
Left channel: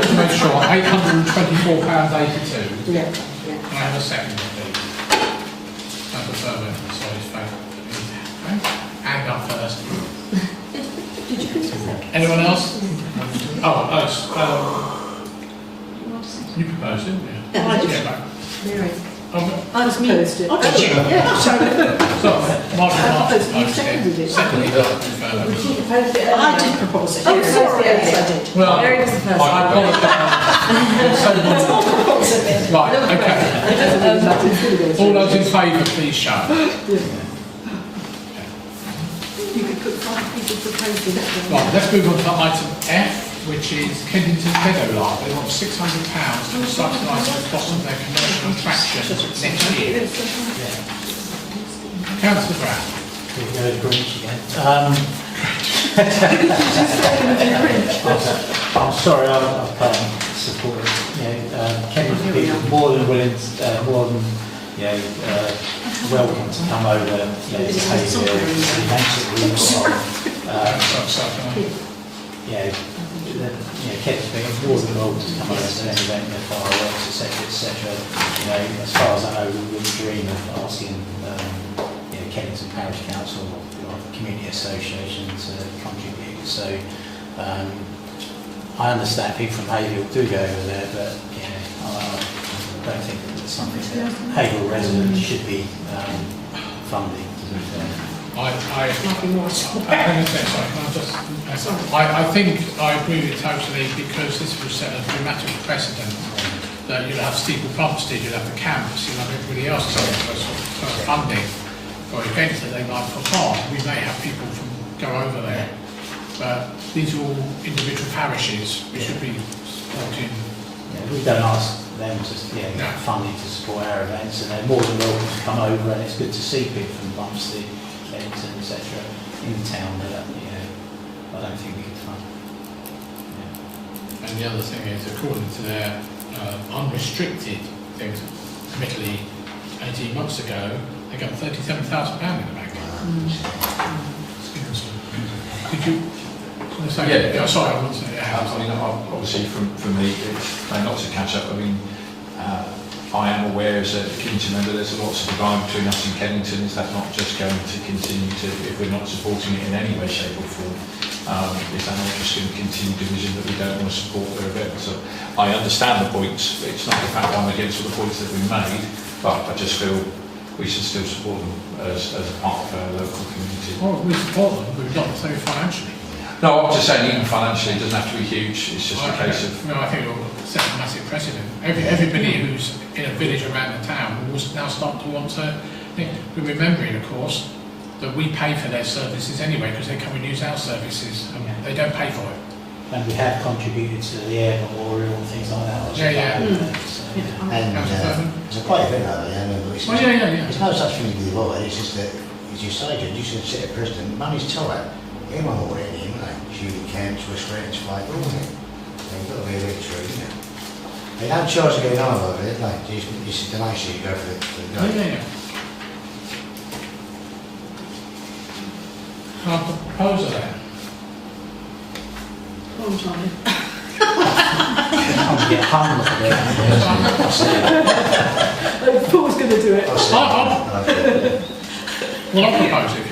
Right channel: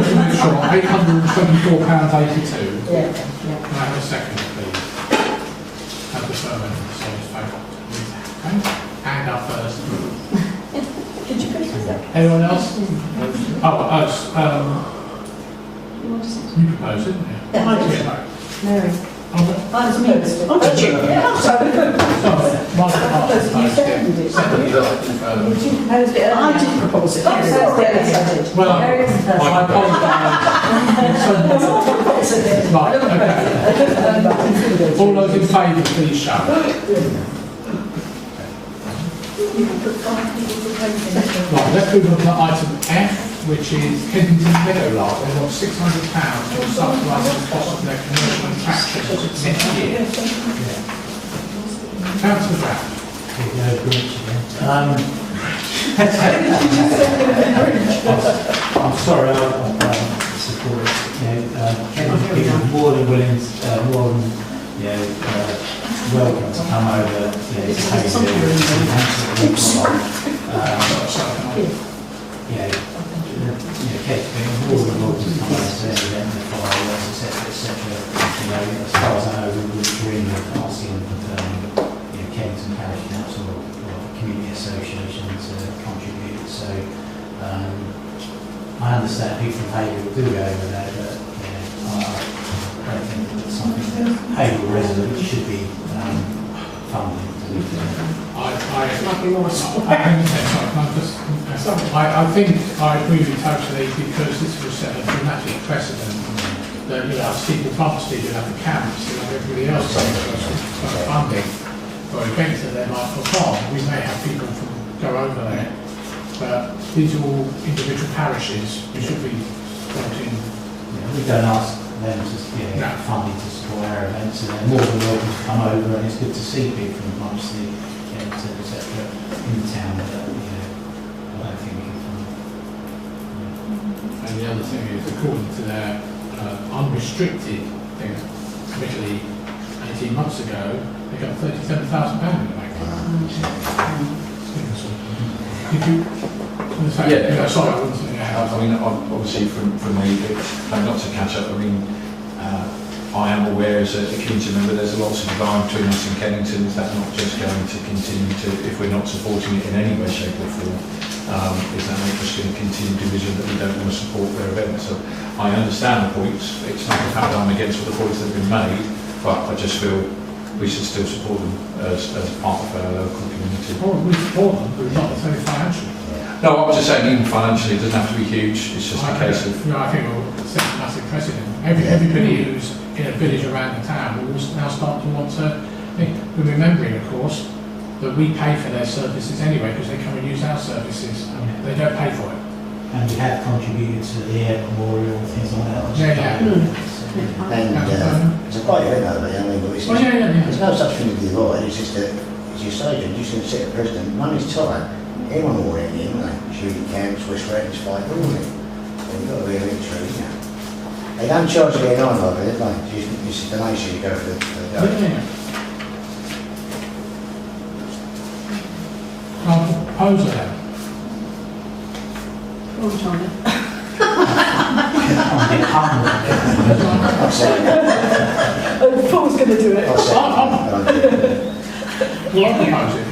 to make sure, £824.82. Yeah. Can I have a second, please? Councillor Furman, this one is favourable. Hand up first. Did you put it second? Anyone else? Oh, us. You proposed it, yeah. Yeah, I did. Yeah, Mary. okay. I was opposed to it. Oh, did you? Yeah. Sorry, Mark proposed it, you proposed seconded it. it. Seconded it. Furman. Did you propose it? I did propose it. Oh, sorry, yes, I did. Well, Mary was the first I one. apologise. So much. Right, okay. All those in favour, please show. You can put 5 people proposing it. Right, let's move on to item F, which is Kensington Meadow Lark. They want £600 to subsidise the cost of their commercial attractions next year. Councillor Brown. I'm sorry, I can't support it. Kevin people are more than willing, more than welcome to come over, to take Kevin people more than welcome to come over to an event, the fireworks, etc. As far as I know, we would dream of asking Kennington Parish Council or the community associations contribute. So I understand people from Haverhill do go over there, but I don't think it's something that Haverhill residents should be funding. I think I agree with you totally, because this will set a dramatic precedent that you'll have Steeple Plumstead, you'll have the camps, you'll have everybody else for funding for events that they might put on. We may have people from go over there, but these are all individual parishes. We should be supporting. We don't ask them to get funding to support our events, and they're more than welcome to come over, and it's good to see people from Plumstead, etc. in town that I don't think we can fund. And the other thing is, according to their unrestricted things, admittedly 18 months ago, they got £37,000 in the bank. Did you want to say? Yeah, sorry, I wasn't. I mean, obviously, for me, not to catch up. I mean, I am aware as a Kennington member there's a lot of line between us and Kennington. Is that not just going to continue to, if we're not supporting it in any way, shape or form, is that not just going to continue division that we don't want to support their events? So I understand the points. It's not the fact that I'm against all the points that have been made, but I just feel we should still support them as a part of our local community. Oh, we support them, but not so financially. No, I'm just saying even financially it doesn't have to be huge. It's just a case of... I think we'll set a massive precedent. Everybody who's in a village around the town will now start to want to think. We're remembering, of course, that we pay for their services anyway because they come and use our services. They don't pay for it. And we have contributed to the air memorial and things like that. And it's a great event over there. I mean, there's no such thing as the avoid. It's just that, as you say, Jude, you should set a precedent. Money's tight. Anyone will in here, haven't they? Shooting camps, West Raiders, 5 grand, isn't it? So you've got to be a bit true, you know. They don't charge you getting on over there, do they? It's the donation you go for the Proposal then. Well, Johnny. Paul's going to do it. Well, I'm proposing.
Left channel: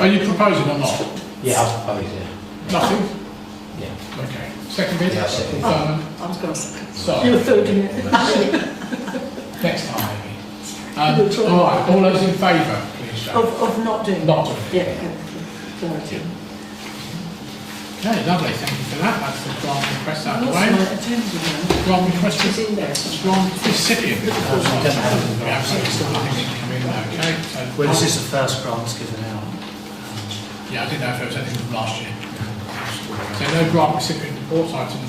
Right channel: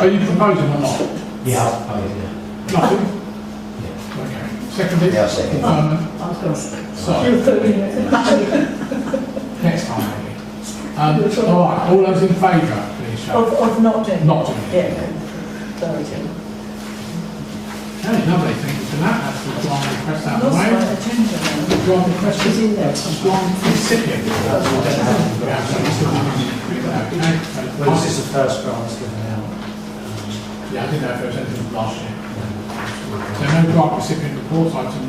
Are you proposing or not? Yeah, I'll propose, yeah. Nothing? Yeah. Okay. Second bit? Yeah, second. I was going to say. So, You were filming it. next time maybe. All right, all those in favour, please show. Of not doing it. Not doing it. Yeah. Clarity. Okay, lovely, thank you for that. That's the grant request out of the Also, way. attending now. Grant request He's is in there. grant recipient. Yeah, so it's still okay, so Well, this is the first grant given out. yeah, I didn't know if there was anything from last year. So no grant recipient report, item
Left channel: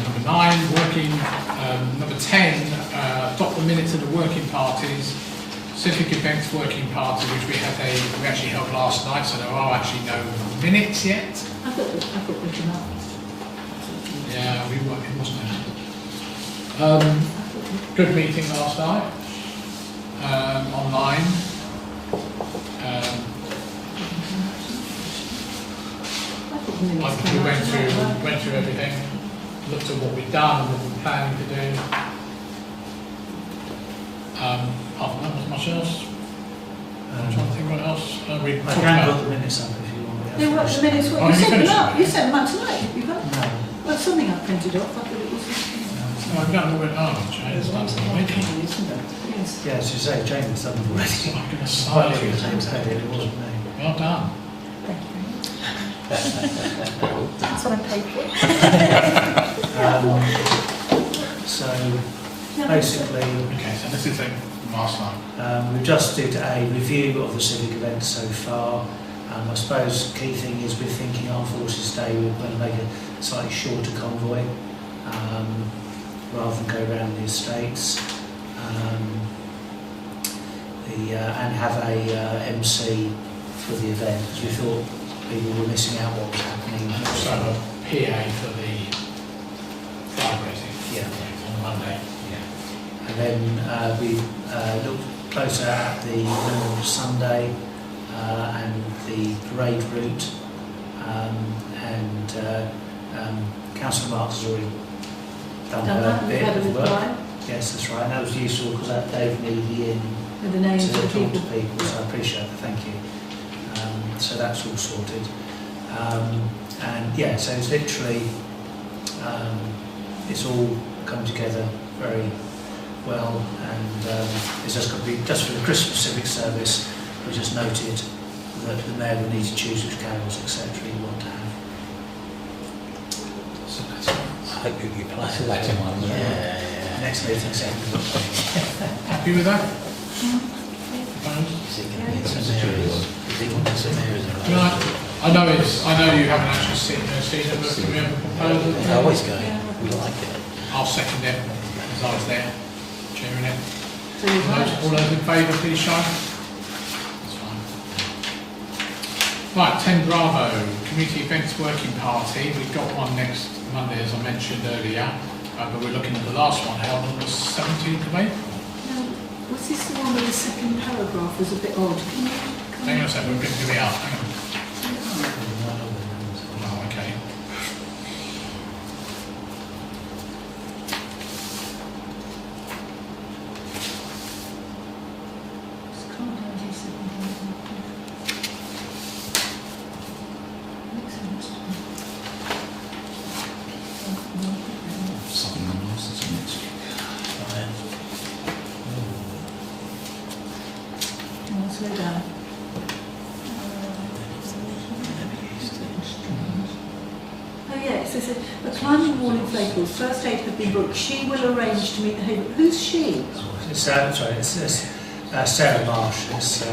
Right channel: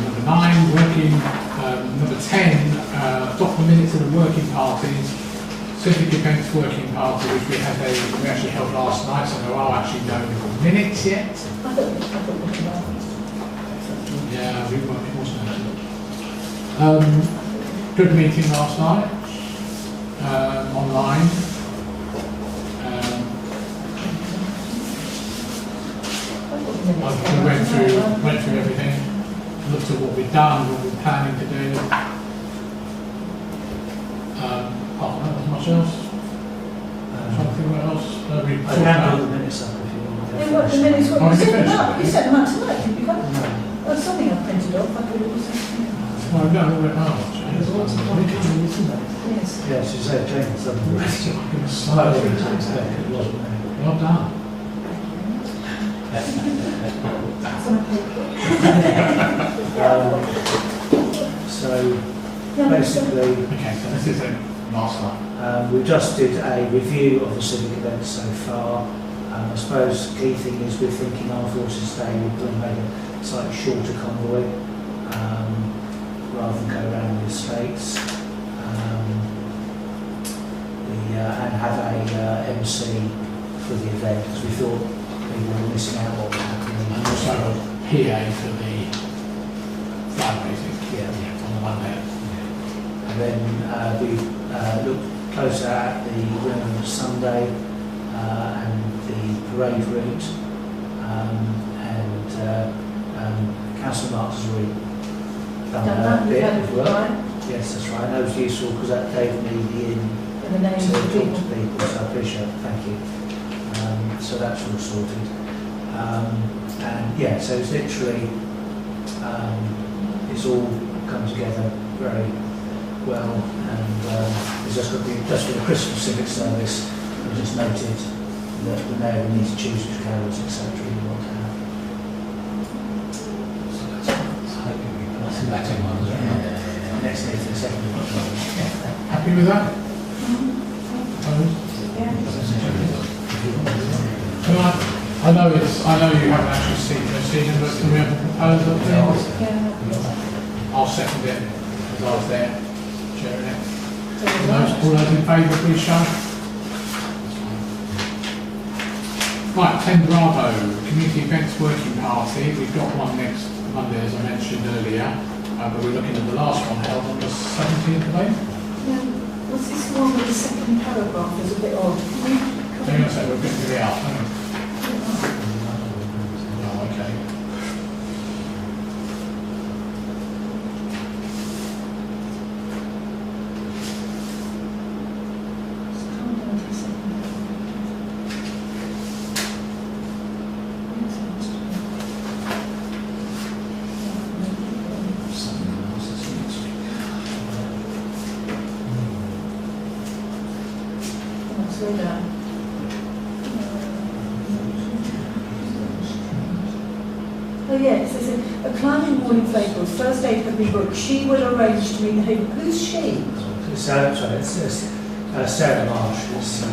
number 9, working, number 10, adopt the minutes of the working parties, civic events working party, which we actually held last night, so there are actually no minutes yet. I thought we could have. Yeah, it wasn't that. Good meeting last night, online. We went through everything, looked at what we've done, what we're planning to do. Apart from that, wasn't much else. I'm trying to think what else. We I can put the minutes up if you want. Then what, the minutes, Oh, you you sent them finished up, it? you sent them up tonight, you got it? No. Well, something I printed off, I thought it was. No, we went, oh, James, that's not making. Yes. Yeah, as you say, James done it already. I'm going to Oh, slide it it. was James had it, it wasn't me. Well done. That's on paper. So basically, Okay, so this is it, last one. we've just did a review of the civic events so far. I suppose the key thing is we're thinking Armed Forces Day we're going to make a slightly shorter convoy rather than go around the estates. And have a MC for the event because we thought people were missing out what was happening. And also a PA for the fundraising. Yeah. On Monday. And then we looked closer at the Women's Sunday and the parade route. Councillor Marks has already done a bit of work. Yes, that's right. And that was useful because that gave me the with the names to of talk people. to people, so I appreciate that, thank you. So that's all sorted. And yeah, so it's literally, it's all come together very well, and it's just going to be, just for the Christmas civic service, I just noted that the mayor will need to choose which carols, etc. you want to have. I hope you'll be That's a Latin one, isn't it? Next meeting, 2nd of October. Happy with that? Can I know you haven't actually seen it, but can we have a proposal? I'll second it, because I was there, chairing it. All those in favour, please show. Right, 10 Bravo, Community Events Working Party. We've got one next Monday, as I mentioned earlier, but we're looking at the last one held on the 17th of May. What's this one with the second paragraph is a bit odd? Can you... Hang on a second, we're getting it out. Hang on. Oh, okay. Oh yes, it's a climbing wall in Flaypool, first aid have been booked. She will arrange to meet the Haverhill. Who's she? It's Sarah Marsh. It's,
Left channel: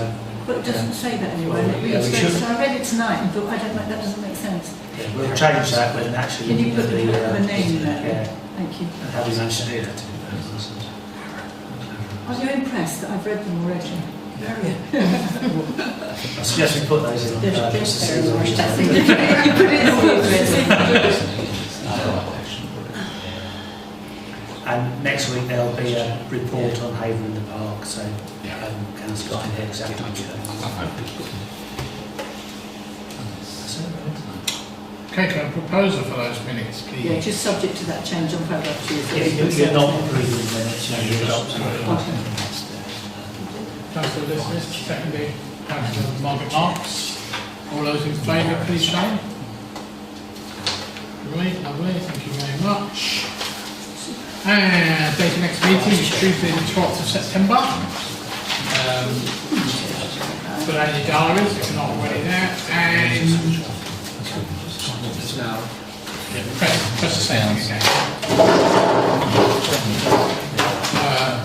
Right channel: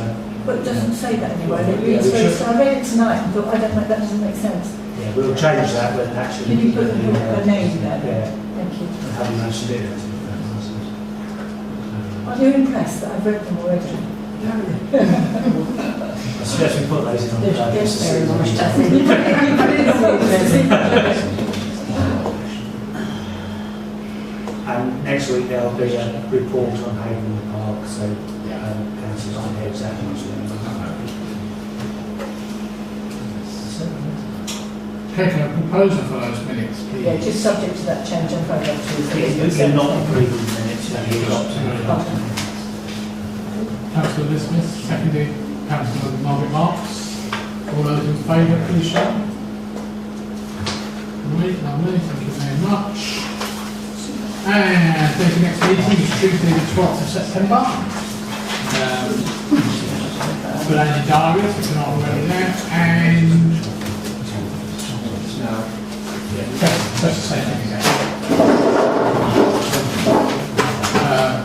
But it doesn't say that anywhere. It Yeah, reads we very, should. so I read it tonight and thought, I don't like, that doesn't make sense. yeah, we'll change that, but actually... Can you put her name there? Yeah, Thank you. and how do you manage to do that? Are you impressed that I've read them already? I suggest we put those in on There's just to see very the much. reason. And next week there'll be a report on Haverhill in the Park, so Councillor can hear exactly what's going on. Okay, can I propose for those minutes, please? Yeah, just subject to that change on paragraph 2. You're not approving the minutes, you're not. Councillor dismissed, seconded, Councillor Margaret Marks. All those in favour, please show. Lovely, thank you very much. And date of next meeting is Tuesday the 12th of September. Put out your diaries if you're not already there. And press the same again.